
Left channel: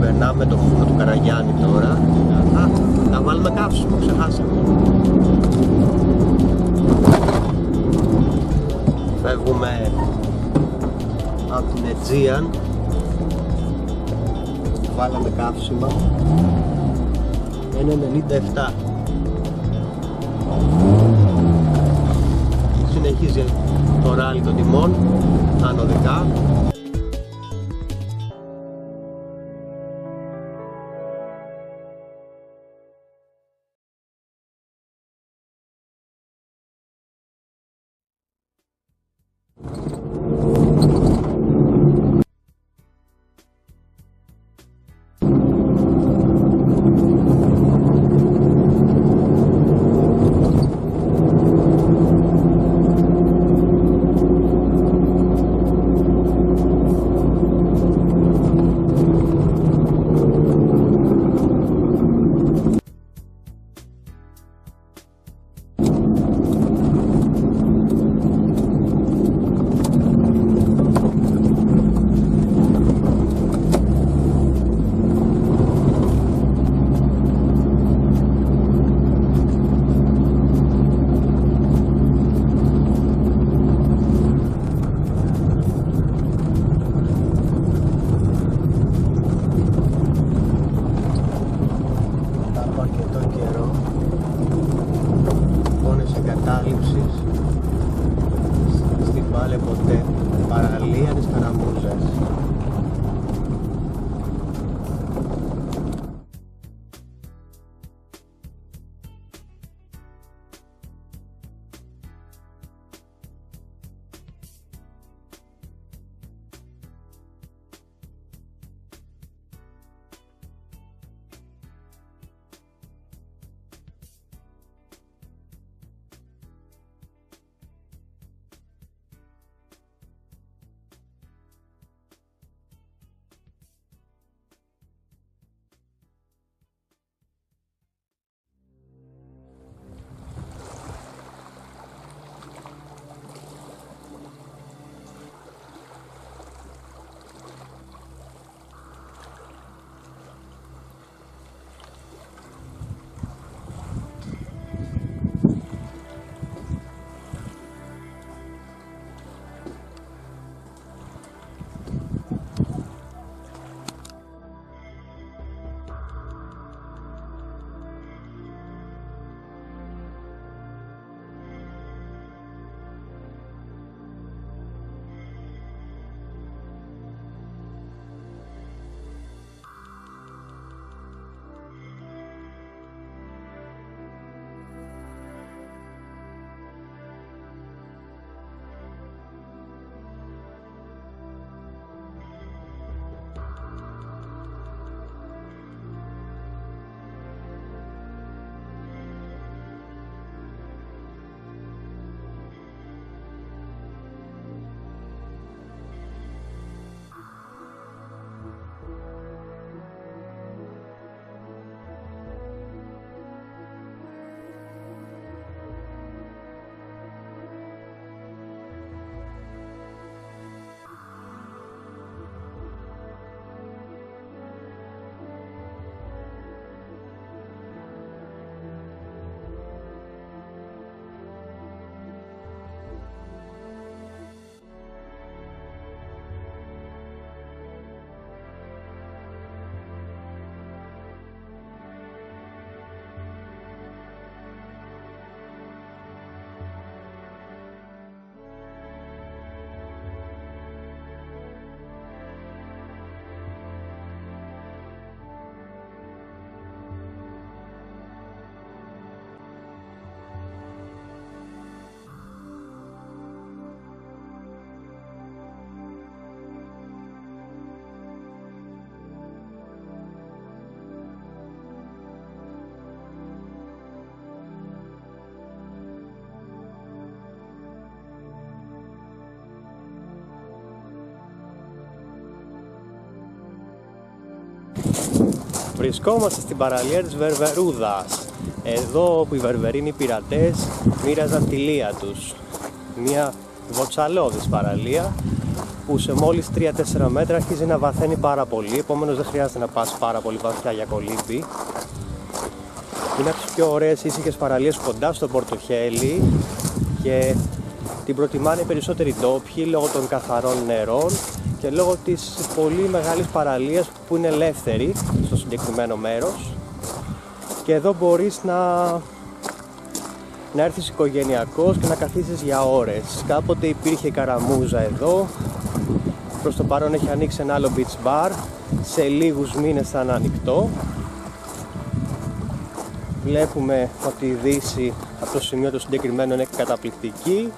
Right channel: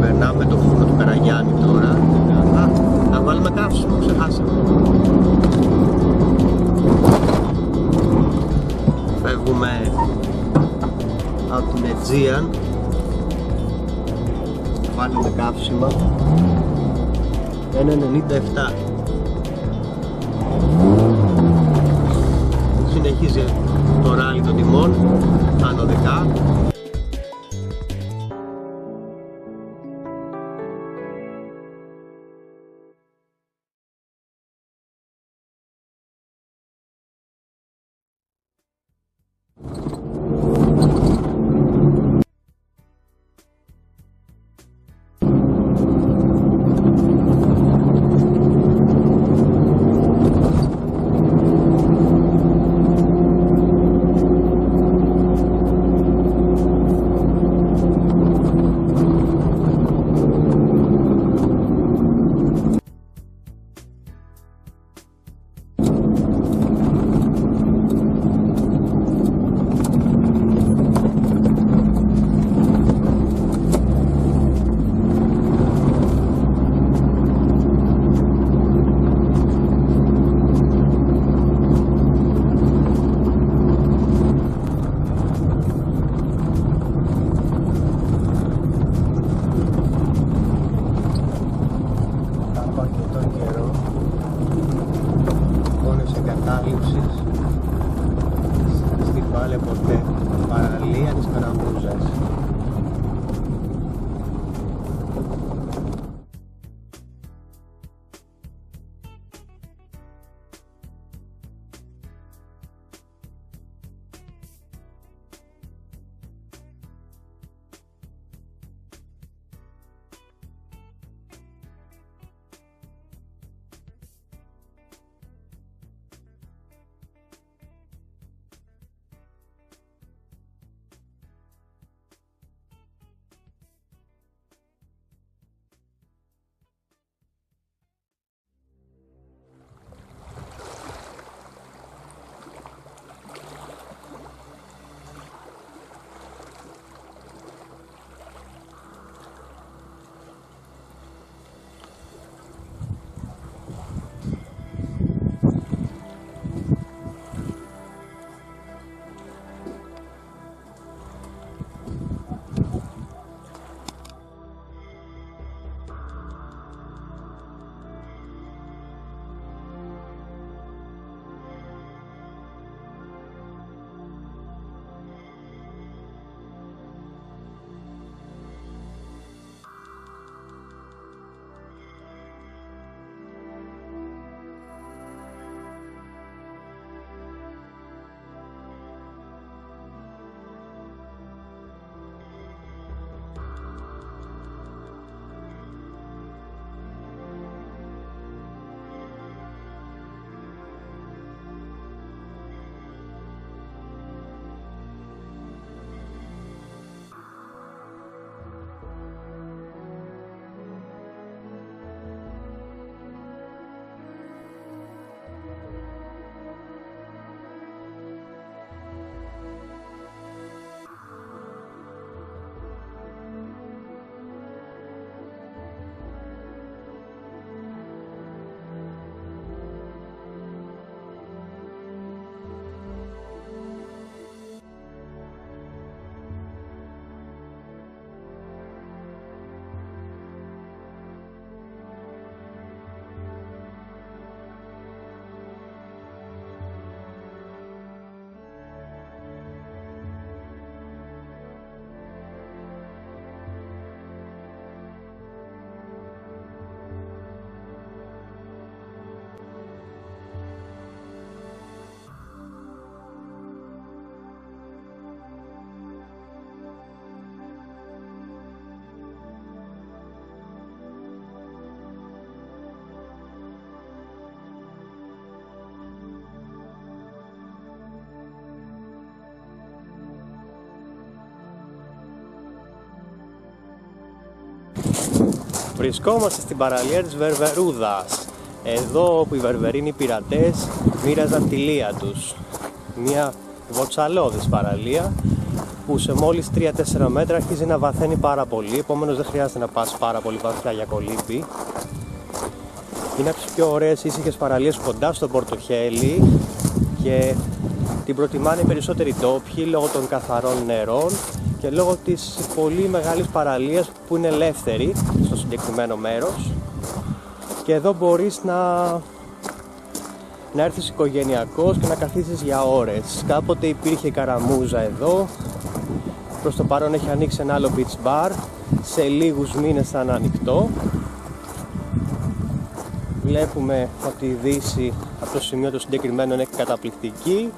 Περνάμε το φούρνο του Καραγιάννη τώρα. Να βάλουμε καύσιμο, ξεχάσαμε. Φεύγουμε από την Aegean. Βάλαμε καύσιμα 1,97. Συνεχίζει το ράλι των τιμών ανωδικά. Στην Πάλε ποτέ, παραλία της Καραμούζας. Βρισκόμαστε στην παραλία της Βερβερούδας, εδώ όπου οι Βερβερίνοι πειρατές μοίραζαν τη λία τους. Μια βοτσαλώδης παραλία που σε μόλις 3-4 μέτρα αρχίζει να βαθαίνει πάρα πολύ, επομένως δεν χρειάζεται να πας πάρα πολύ βαθιά για κολύμπι. Είναι από τις πιο ωραίες ήσυχες παραλίες κοντά στο Πορτοχέλι και την προτιμάνε οι περισσότεροι ντόπιοι λόγω των καθαρών νερών και λόγω της πολύ μεγάλης παραλίας που είναι ελεύθερη στο συγκεκριμένο μέρος, και εδώ μπορείς να έρθεις οικογενειακός και να καθίσεις για ώρες. Κάποτε υπήρχε καραμούζα εδώ, προς το παρόν έχει ανοίξει ένα άλλο beach bar, σε λίγους μήνες θα είναι ανοιχτό. Βλέπουμε ότι η δύση από το σημείο το συγκεκριμένο είναι καταπληκτική.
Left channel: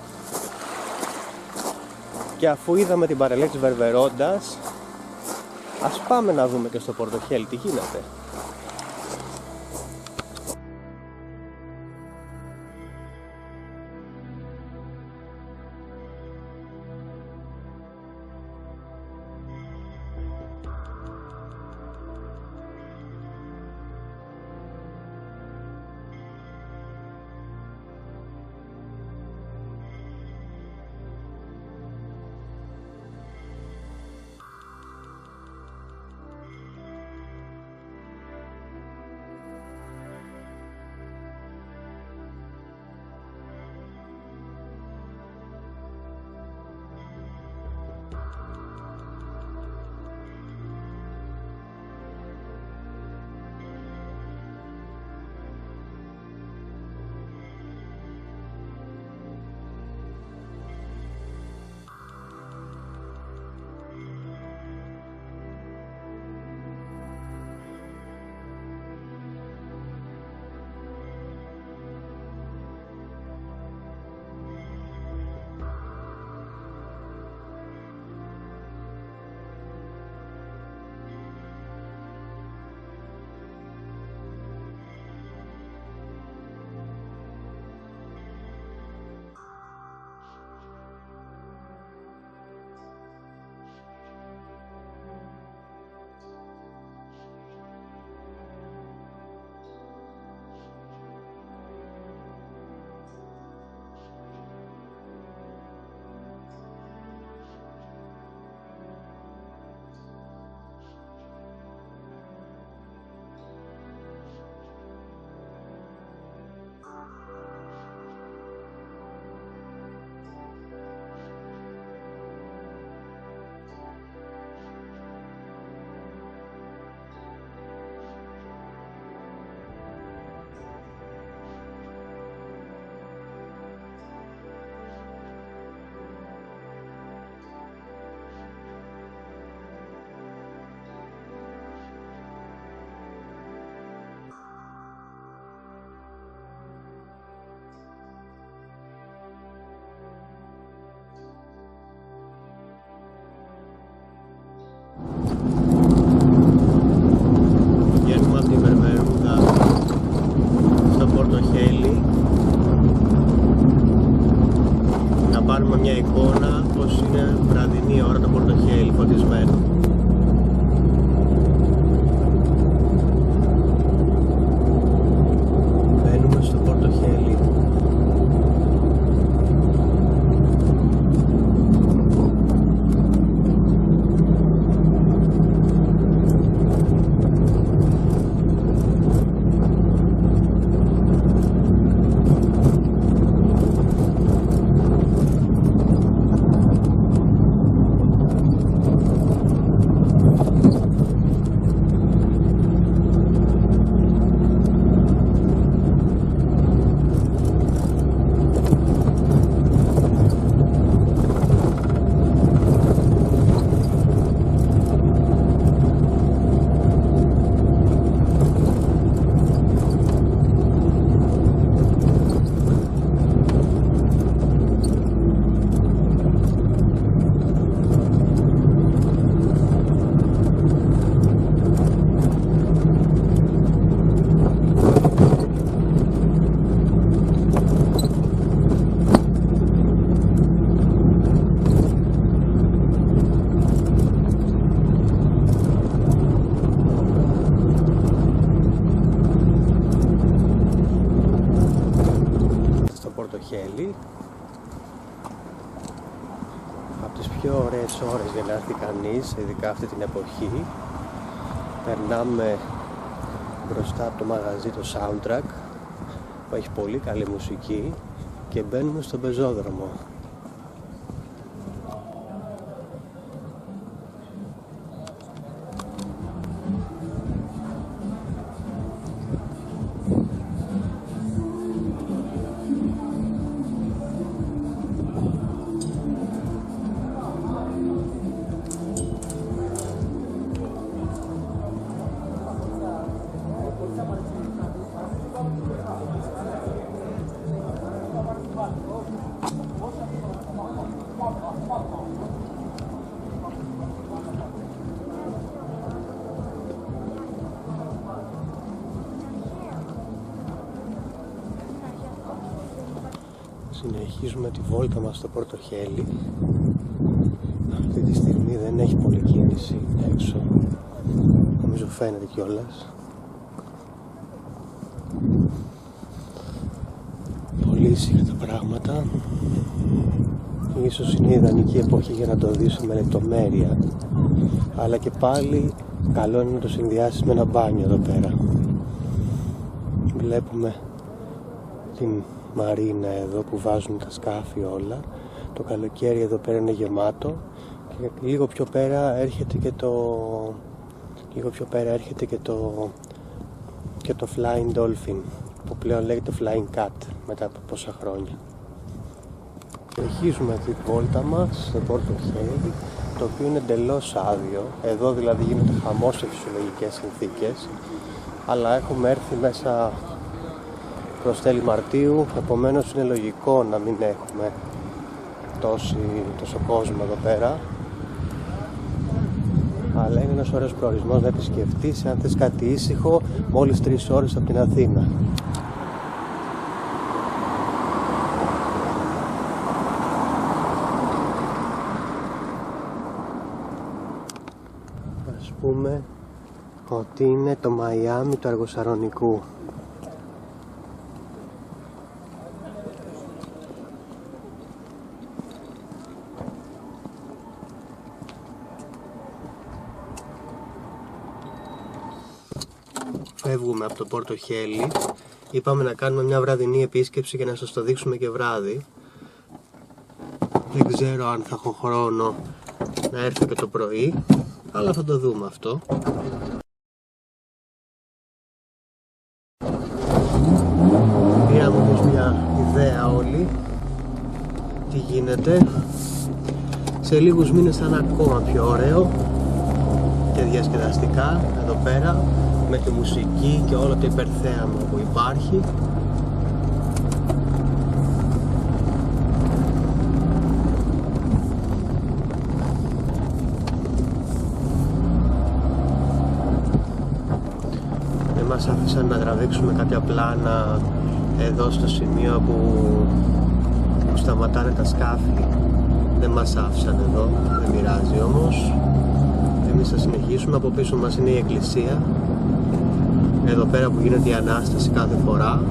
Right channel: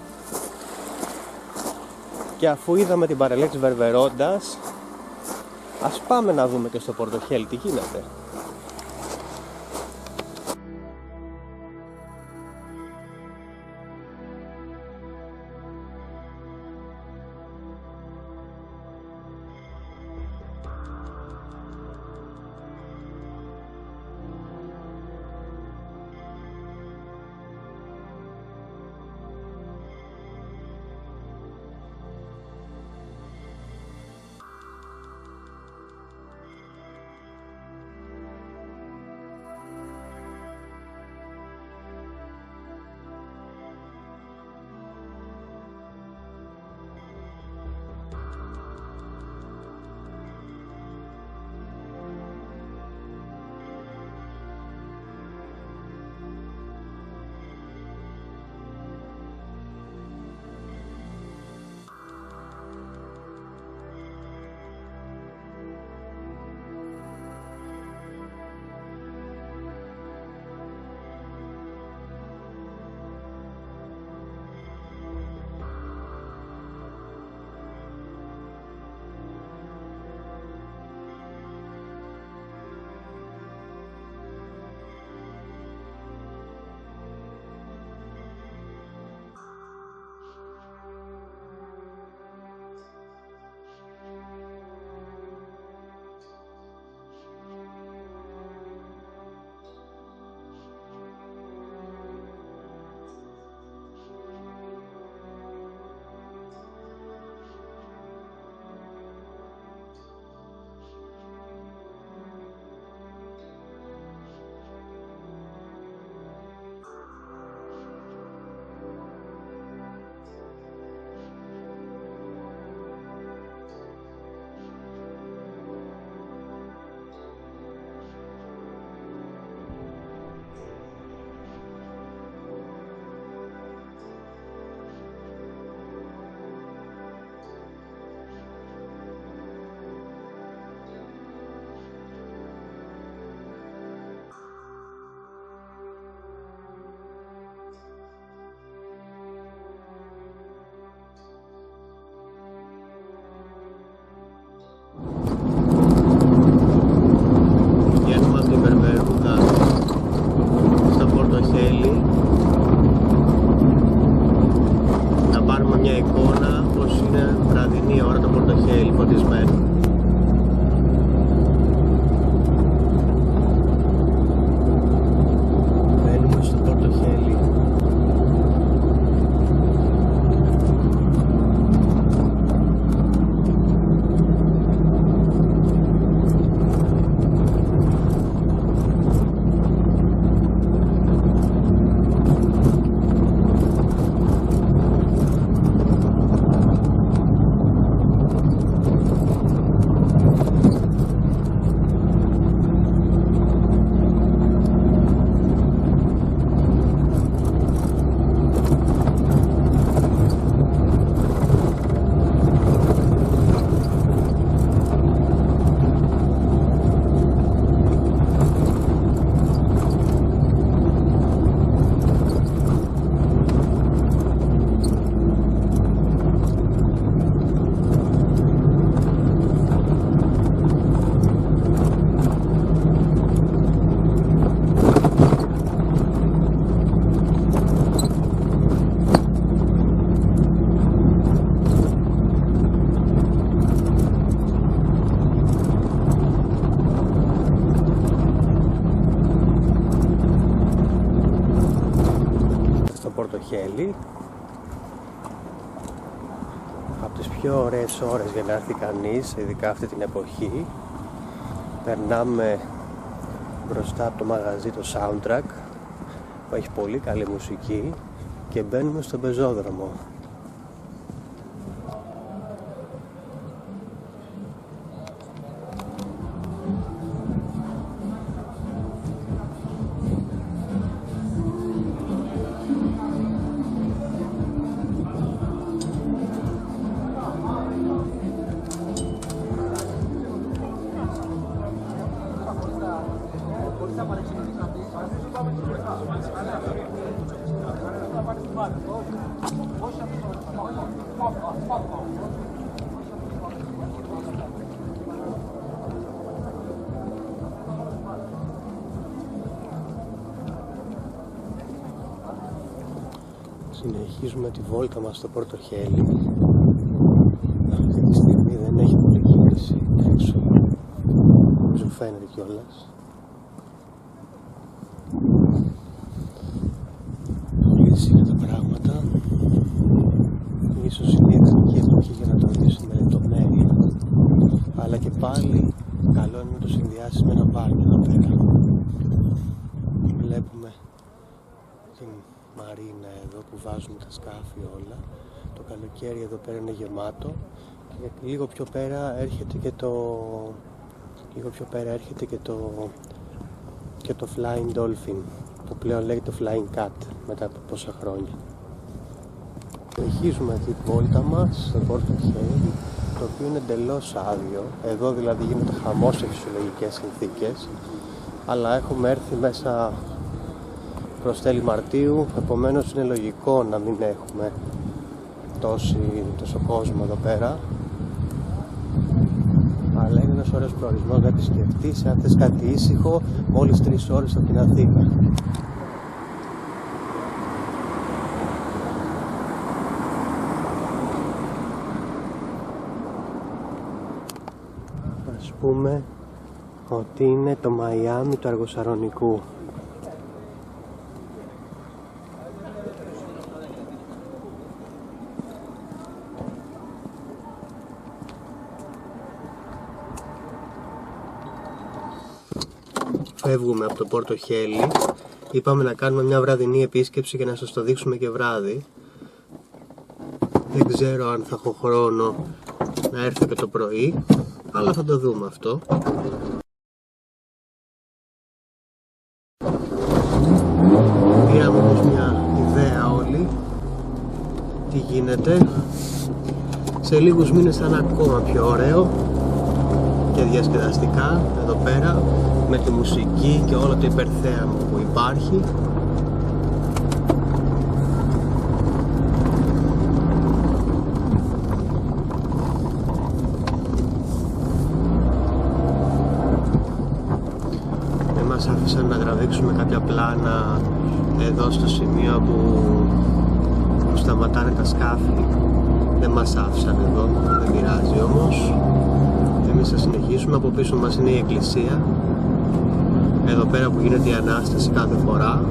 Και αφού είδαμε την παραλία της Βερβερόντας, ας πάμε να δούμε και στο Πορτοχέλι τι γίνεται. πιο ωραίες ώρες για να έρθει κανείς, ειδικά αυτή την εποχή. Περνάμε μπροστά από το μαγαζί το Soundtrack που έχει πολύ καλή μουσική και μπαίνουμε στον πεζόδρομο. Συνεχίζουμε τη βόλτα μας στο Πορτοχέλι. Αυτή τη στιγμή δεν έχει πολλή κίνηση έξω. Νομίζω φαίνεται κιόλας. Πολύ ήσυχα τα πράγματα. Ίσως είναι η ιδανική εποχή για να το δεις με λεπτομέρεια. Αλλά και πάλι καλό είναι να το συνδυάσεις με ένα μπάνιο εδώ πέρα. Βλέπουμε την μαρίνα εδώ που βάζουν τα σκάφη όλα. Το καλοκαίρι εδώ πέρα είναι γεμάτο και λίγο πιο πέρα έρχεται και το Flying Dolphin που πλέον λέγεται το Flying Cat μετά από πόσα χρόνια. Συνεχίζουμε τη βόλτα μας στο Πορτοχέλι, το οποίο είναι εντελώς άδειο. Εδώ δηλαδή γίνεται χαμός σε φυσιολογικές συνθήκες, αλλά έχουμε έρθει μέσα προς τέλη Μαρτίου, επομένως είναι λογικό να μην έχουμε τόσο κόσμο εδώ πέρα, αλλά είναι ένας ωραίος προορισμός να επισκεφτείς αν θες κάτι ήσυχο μόλις 3 ώρες από την Αθήνα. Ας πούμε ότι είναι το Μαϊάμι του Αργοσαρονικού. Φεύγουμε από το Πορτοχέλι. Είπαμε να κάνουμε μια βραδινή επίσκεψη για να σας το δείξουμε και βράδυ. Δεν ξέρω αν θα έχω χρόνο να έρθω και το πρωί, αλλά θα το δούμε αυτό. Πήραμε όμως μια ιδέα όλοι τι γίνεται. Σε λίγους μήνες θα είναι ακόμα πιο ωραίο και διασκεδαστικά εδώ πέρα, με τη μουσική και όλο το υπερθέαμα που υπάρχει. Δεν μας άφησαν να τραβήξουμε κάποια πλάνα εδώ στο σημείο που σταματάνε τα σκάφη. Δεν μας άφησαν εδώ, δεν πειράζει όμως. Εμείς θα συνεχίσουμε. Από πίσω μας είναι η εκκλησία, εδώ πέρα που γίνεται η Ανάσταση κάθε φορά,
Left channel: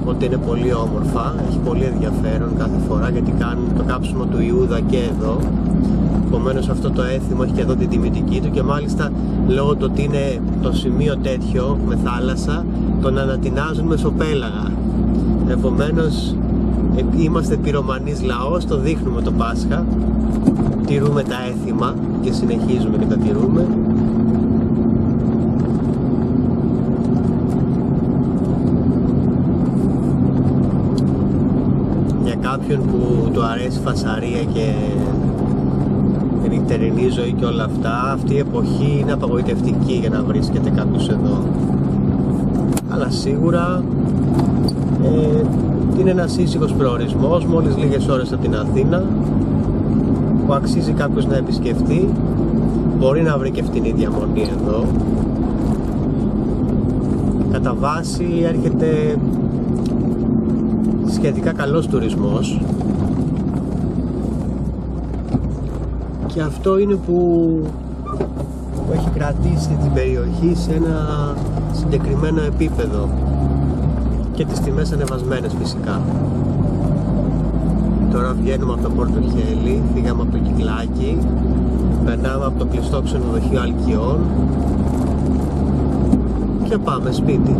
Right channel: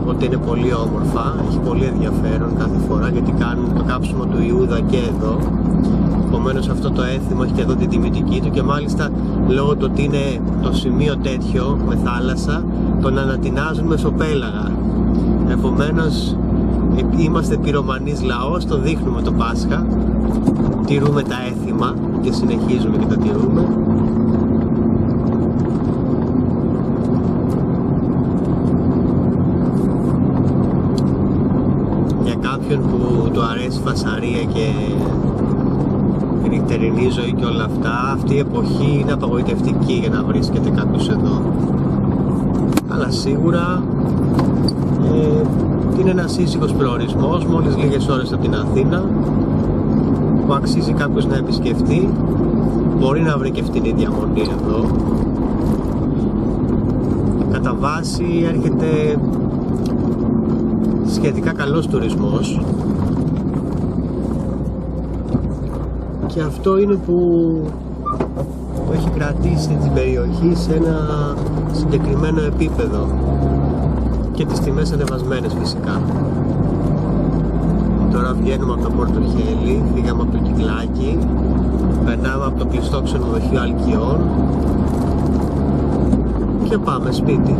οπότε είναι πολύ όμορφα, έχει πολύ ενδιαφέρον κάθε φορά γιατί κάνουν το κάψιμο του Ιούδα και εδώ. Επομένως αυτό το έθιμο έχει και εδώ την τιμητική του και μάλιστα λόγω του ότι είναι το σημείο τέτοιο με θάλασσα, τον ανατινάζουν μεσοπέλαγα. Επομένως είμαστε πυρομανής λαός, το δείχνουμε το Πάσχα, τηρούμε τα έθιμα και συνεχίζουμε και τα τηρούμε. Για κάποιον που του αρέσει φασαρία και νυχτερινή ζωή και όλα αυτά, αυτή η εποχή είναι απαγοητευτική για να βρίσκεται κάποιος εδώ. Αλλά σίγουρα είναι ένας ήσυχος προορισμός, μόλις λίγες ώρες από την Αθήνα, που αξίζει κάποιος να επισκεφτεί. Μπορεί να βρει και φτηνή διαμονή εδώ. Κατά βάση έρχεται σχετικά καλός τουρισμός και αυτό είναι που έχει κρατήσει την περιοχή σε ένα συγκεκριμένο επίπεδο και τις τιμές ανεβασμένες φυσικά. Τώρα βγαίνουμε από το Πορτοχέλι, φύγαμε από το Κυκλάκι, περνάμε από το κλειστό ξενοδοχείο Αλκιών και πάμε σπίτι.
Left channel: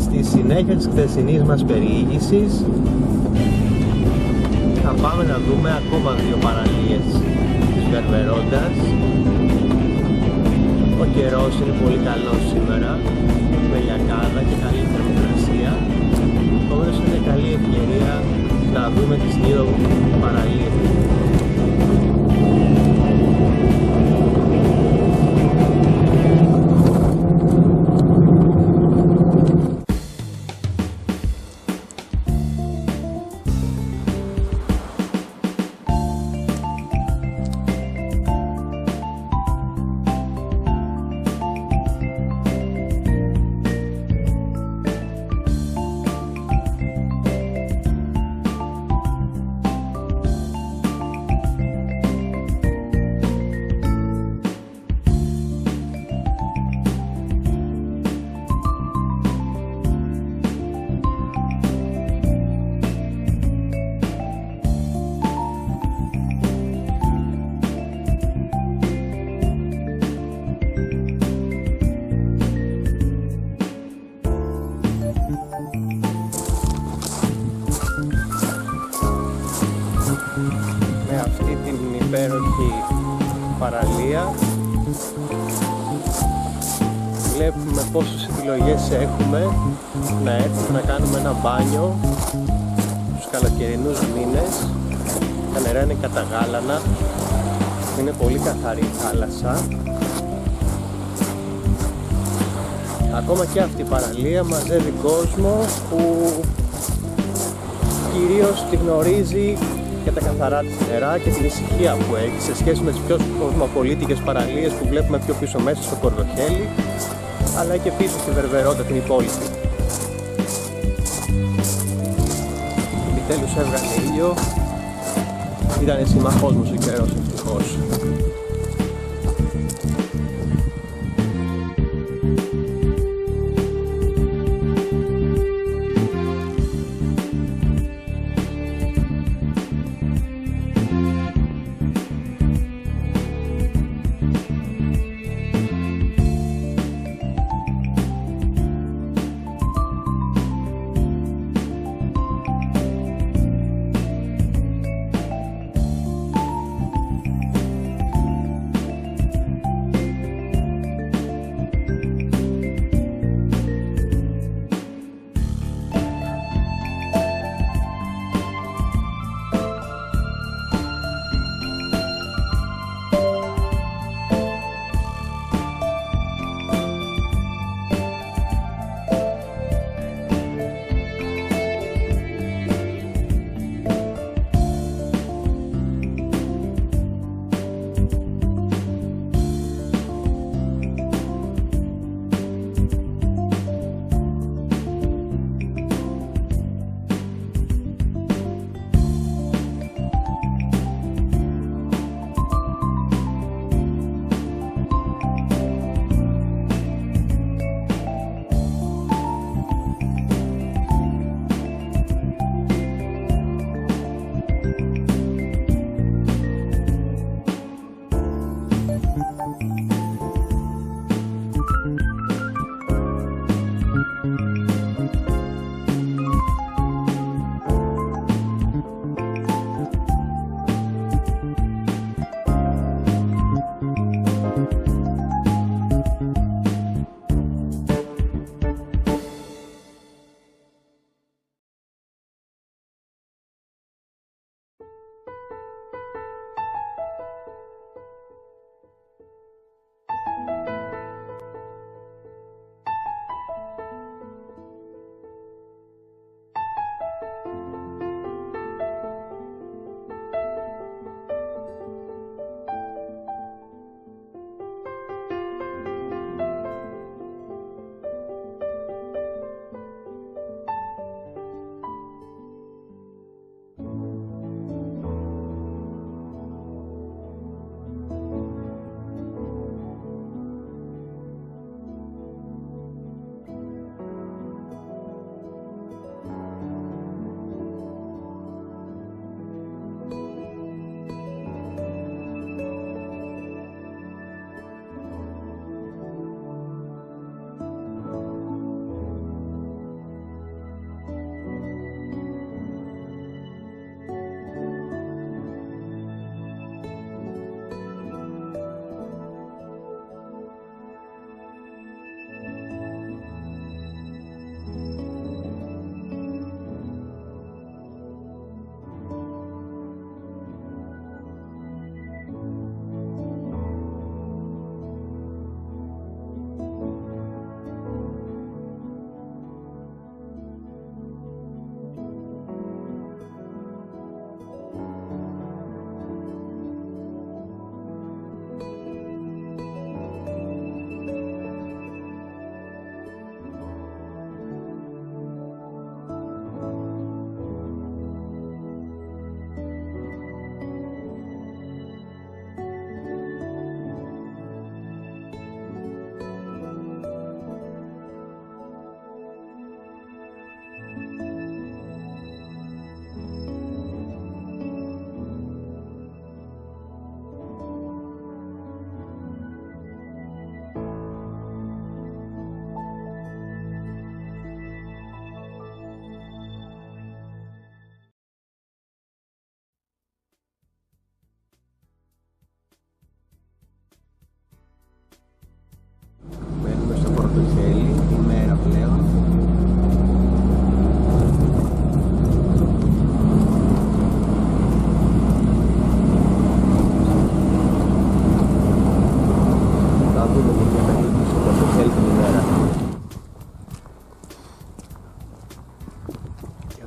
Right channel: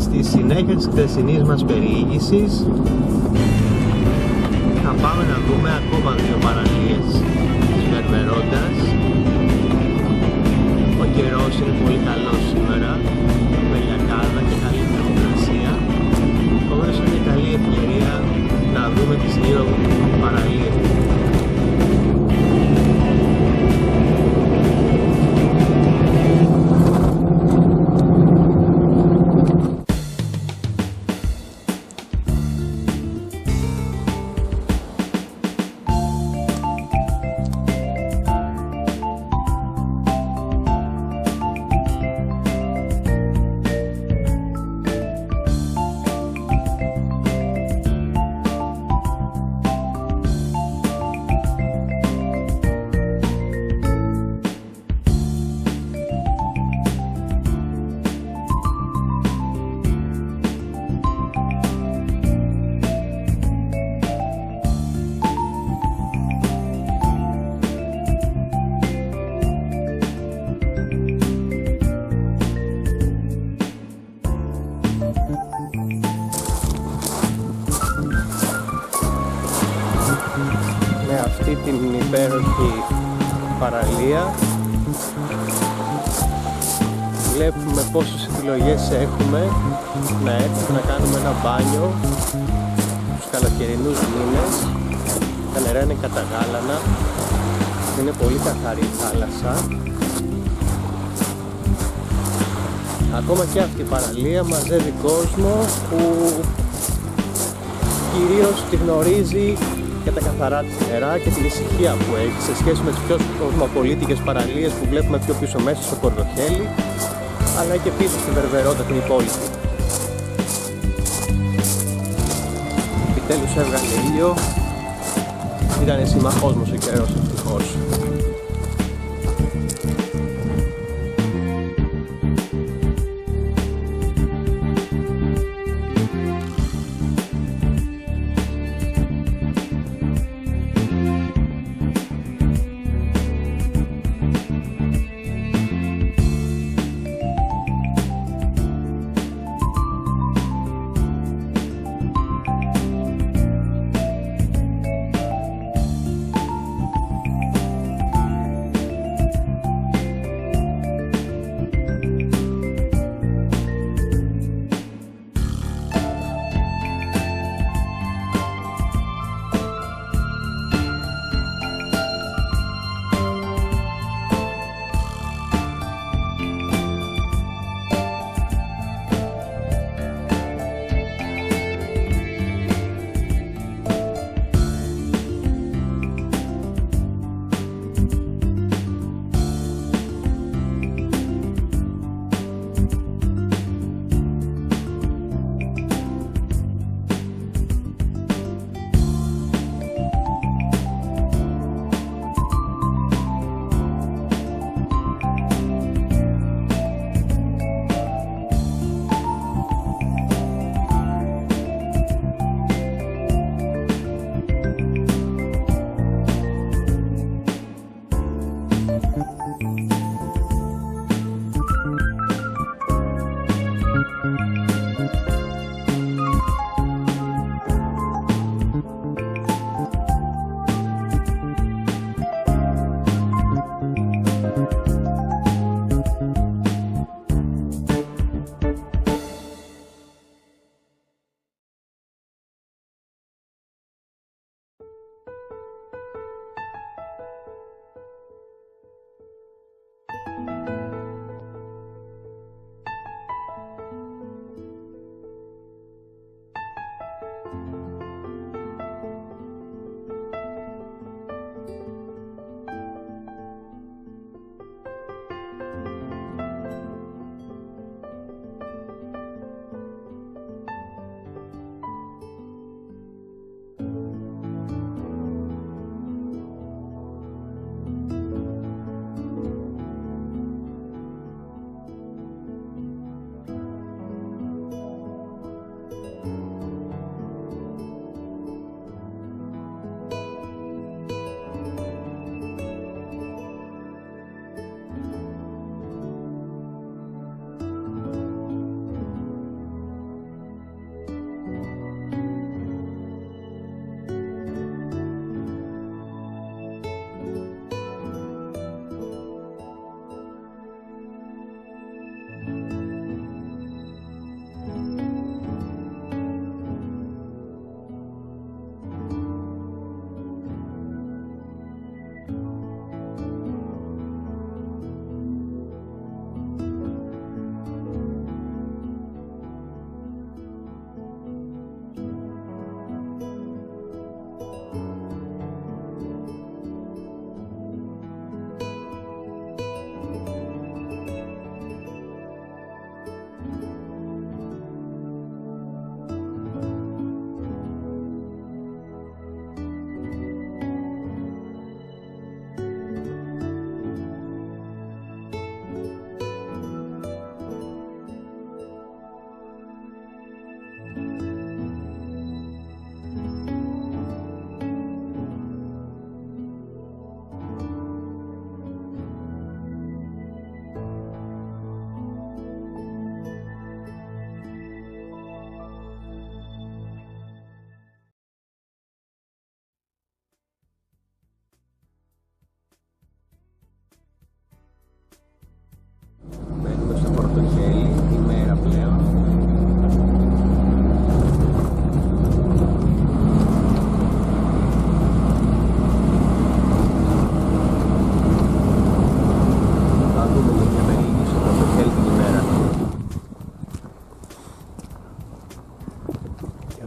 Στη συνέχεια της χθεσινής μας περιήγησης θα πάμε να δούμε ακόμα 2 παραλίες της Βερβερόντας. Ο καιρός είναι πολύ καλός σήμερα, με λιακάδα και καλή θερμοκρασία, επομένως είναι καλή ευκαιρία να δούμε τις 2 παραλίες. Με αυτή την υπέροχη παραλία βλέπουμε πόσες επιλογές έχουμε να έρθουμε να κάνουμε ένα μπάνιο στους καλοκαιρινούς μήνες. Τα νερά είναι καταγάλανα, είναι πολύ καθαρή η θάλασσα. Ακόμα και αυτή η παραλία μαζεύει κόσμο που κυρίως τη γνωρίζει για τα καθαρά της νερά και την ησυχία που έχει σε σχέση με τις πιο κοσμοπολίτικες παραλίες που βλέπουμε πιο πίσω μέσα στο Κορδοχέλι, αλλά και πίσω στη Βερβερόντα την υπόλοιπη. Επιτέλους έβγαλε ήλιο, ήταν συμμαχός μας ο καιρός ευτυχώς.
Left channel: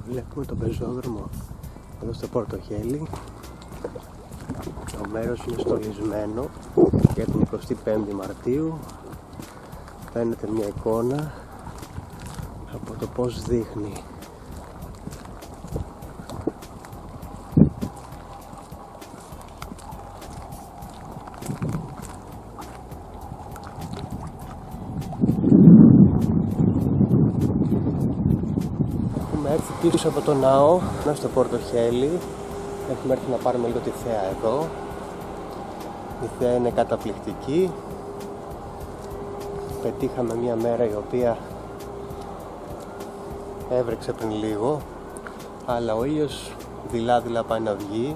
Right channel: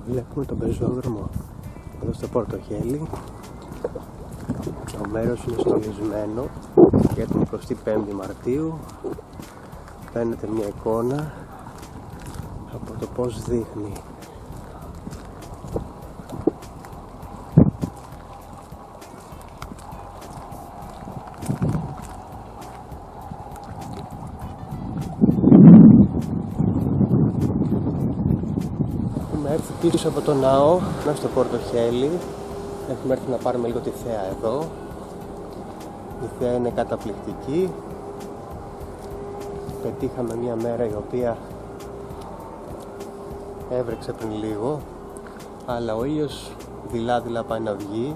Βλέπουμε τον πεζόδρομο εδώ στο Πορτοχέλι. Το μέρος είναι στολισμένο για την 25η Μαρτίου. Φαίνεται μια εικόνα από το πως δείχνει. Έχουμε έρθει πίσω από το ναό, στο Πορτοχέλι. Έχουμε έρθει να πάρουμε λίγο τη θέα εδώ. Η θέα είναι καταπληκτική. Πετύχαμε μια μέρα η οποία έβρεξε πριν λίγο, αλλά ο ήλιος δειλά πάει να βγει.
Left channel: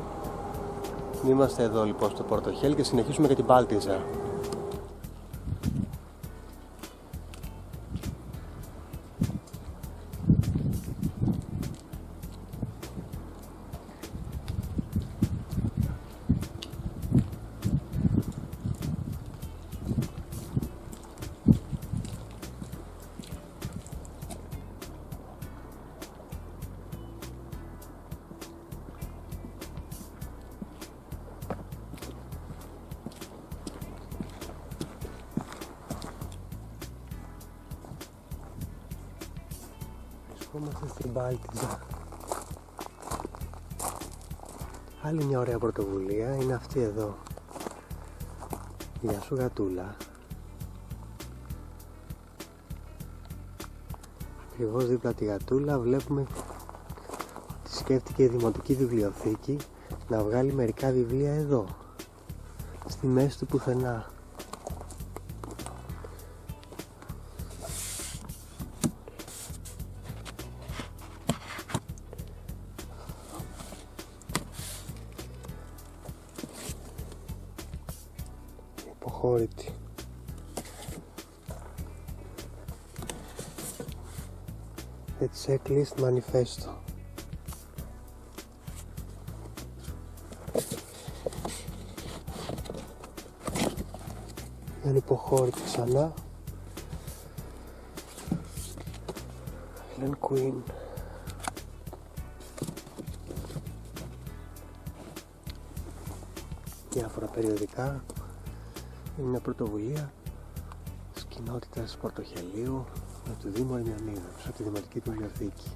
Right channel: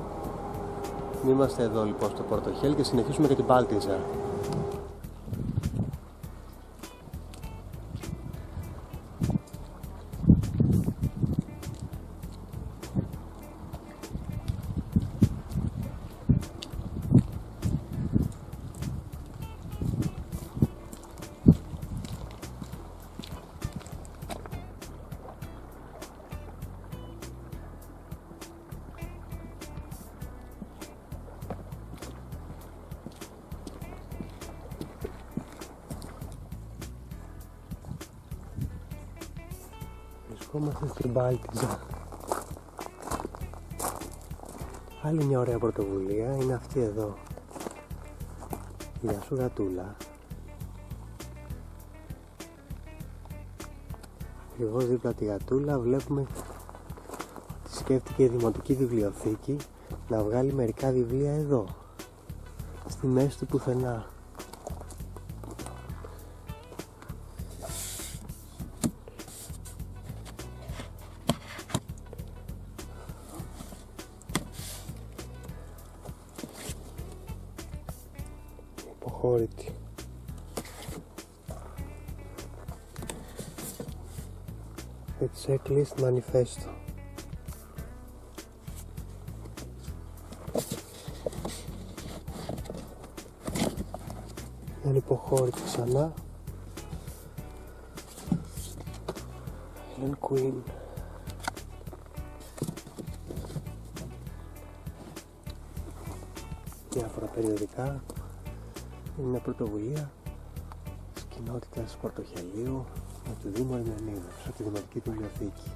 Είμαστε εδώ λοιπόν στο Πορτοχέλι και συνεχίσουμε για την Πάλτιζα. Βρισκόμαστε στην Πάλτιζα. Άλλη μια ωραία πρωτοβουλία είναι αυτή εδώ. Γεια σου γατούλα. Ακριβώς δίπλα τη γατούλα βλέπουμε ότι σκέφτηκε η Δημοτική Βιβλιοθήκη να βγάλει μερικά βιβλία εδώ, στη μέση του πουθενά. Υποχώρητη. The Checklist Manifesto. Η ανυποχώρητη ξανά. Helen Quinn. Διάφορα περιοδικά. Είναι μια πρωτοβουλία της κοινότητας Πορτοχελίου με το Δήμο Ερμιονίδος από τη Δημοτική Βιβλιοθήκη.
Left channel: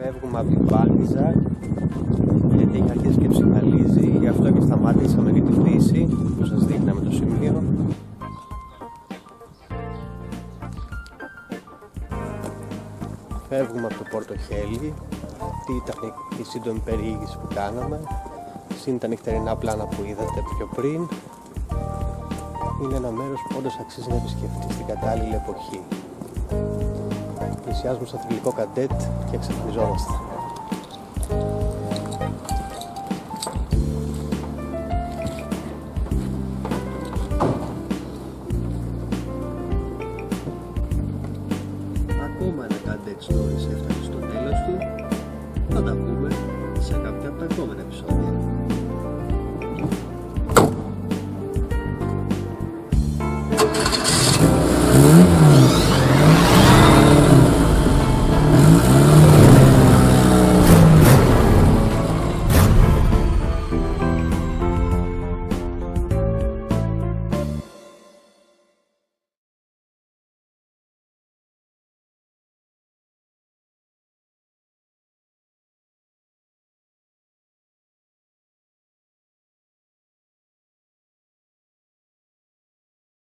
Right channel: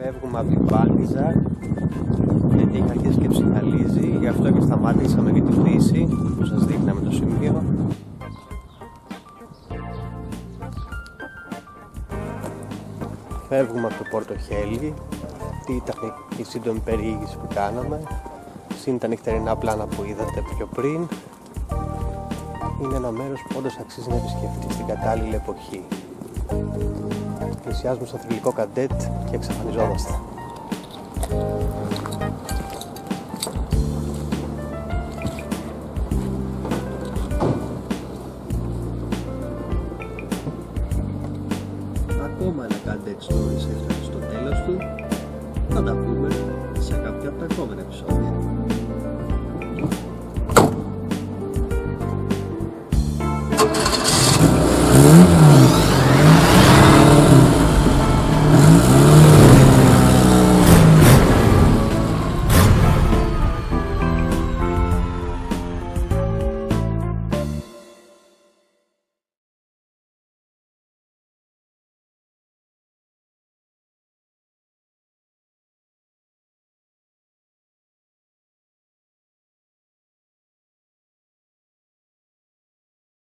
Φεύγουμε από την Πάλτιζα γιατί έχει αρχίσει και ψυχαλίζει, γι' αυτό και σταμάτησαμε για τη φύση που σας δείχναμε το σημείο. Φεύγουμε από το Πόρτο Χέλι. Αυτή ήταν η σύντομη περιήγηση που κάναμε. Συν τα νυχτερινά πλάνα που είδατε πιο πριν. Είναι ένα μέρος που όντως αξίζει να επισκεφτεί στην κατάλληλη εποχή. Πλησιάζουμε στο θρυλικό Καντέτ και εξαφανιζόμαστε. Ακόμα ένα Καντέτ Stories έφτασε στο τέλος του. Θα τα πούμε σε κάποια από τα επόμενα επεισόδια.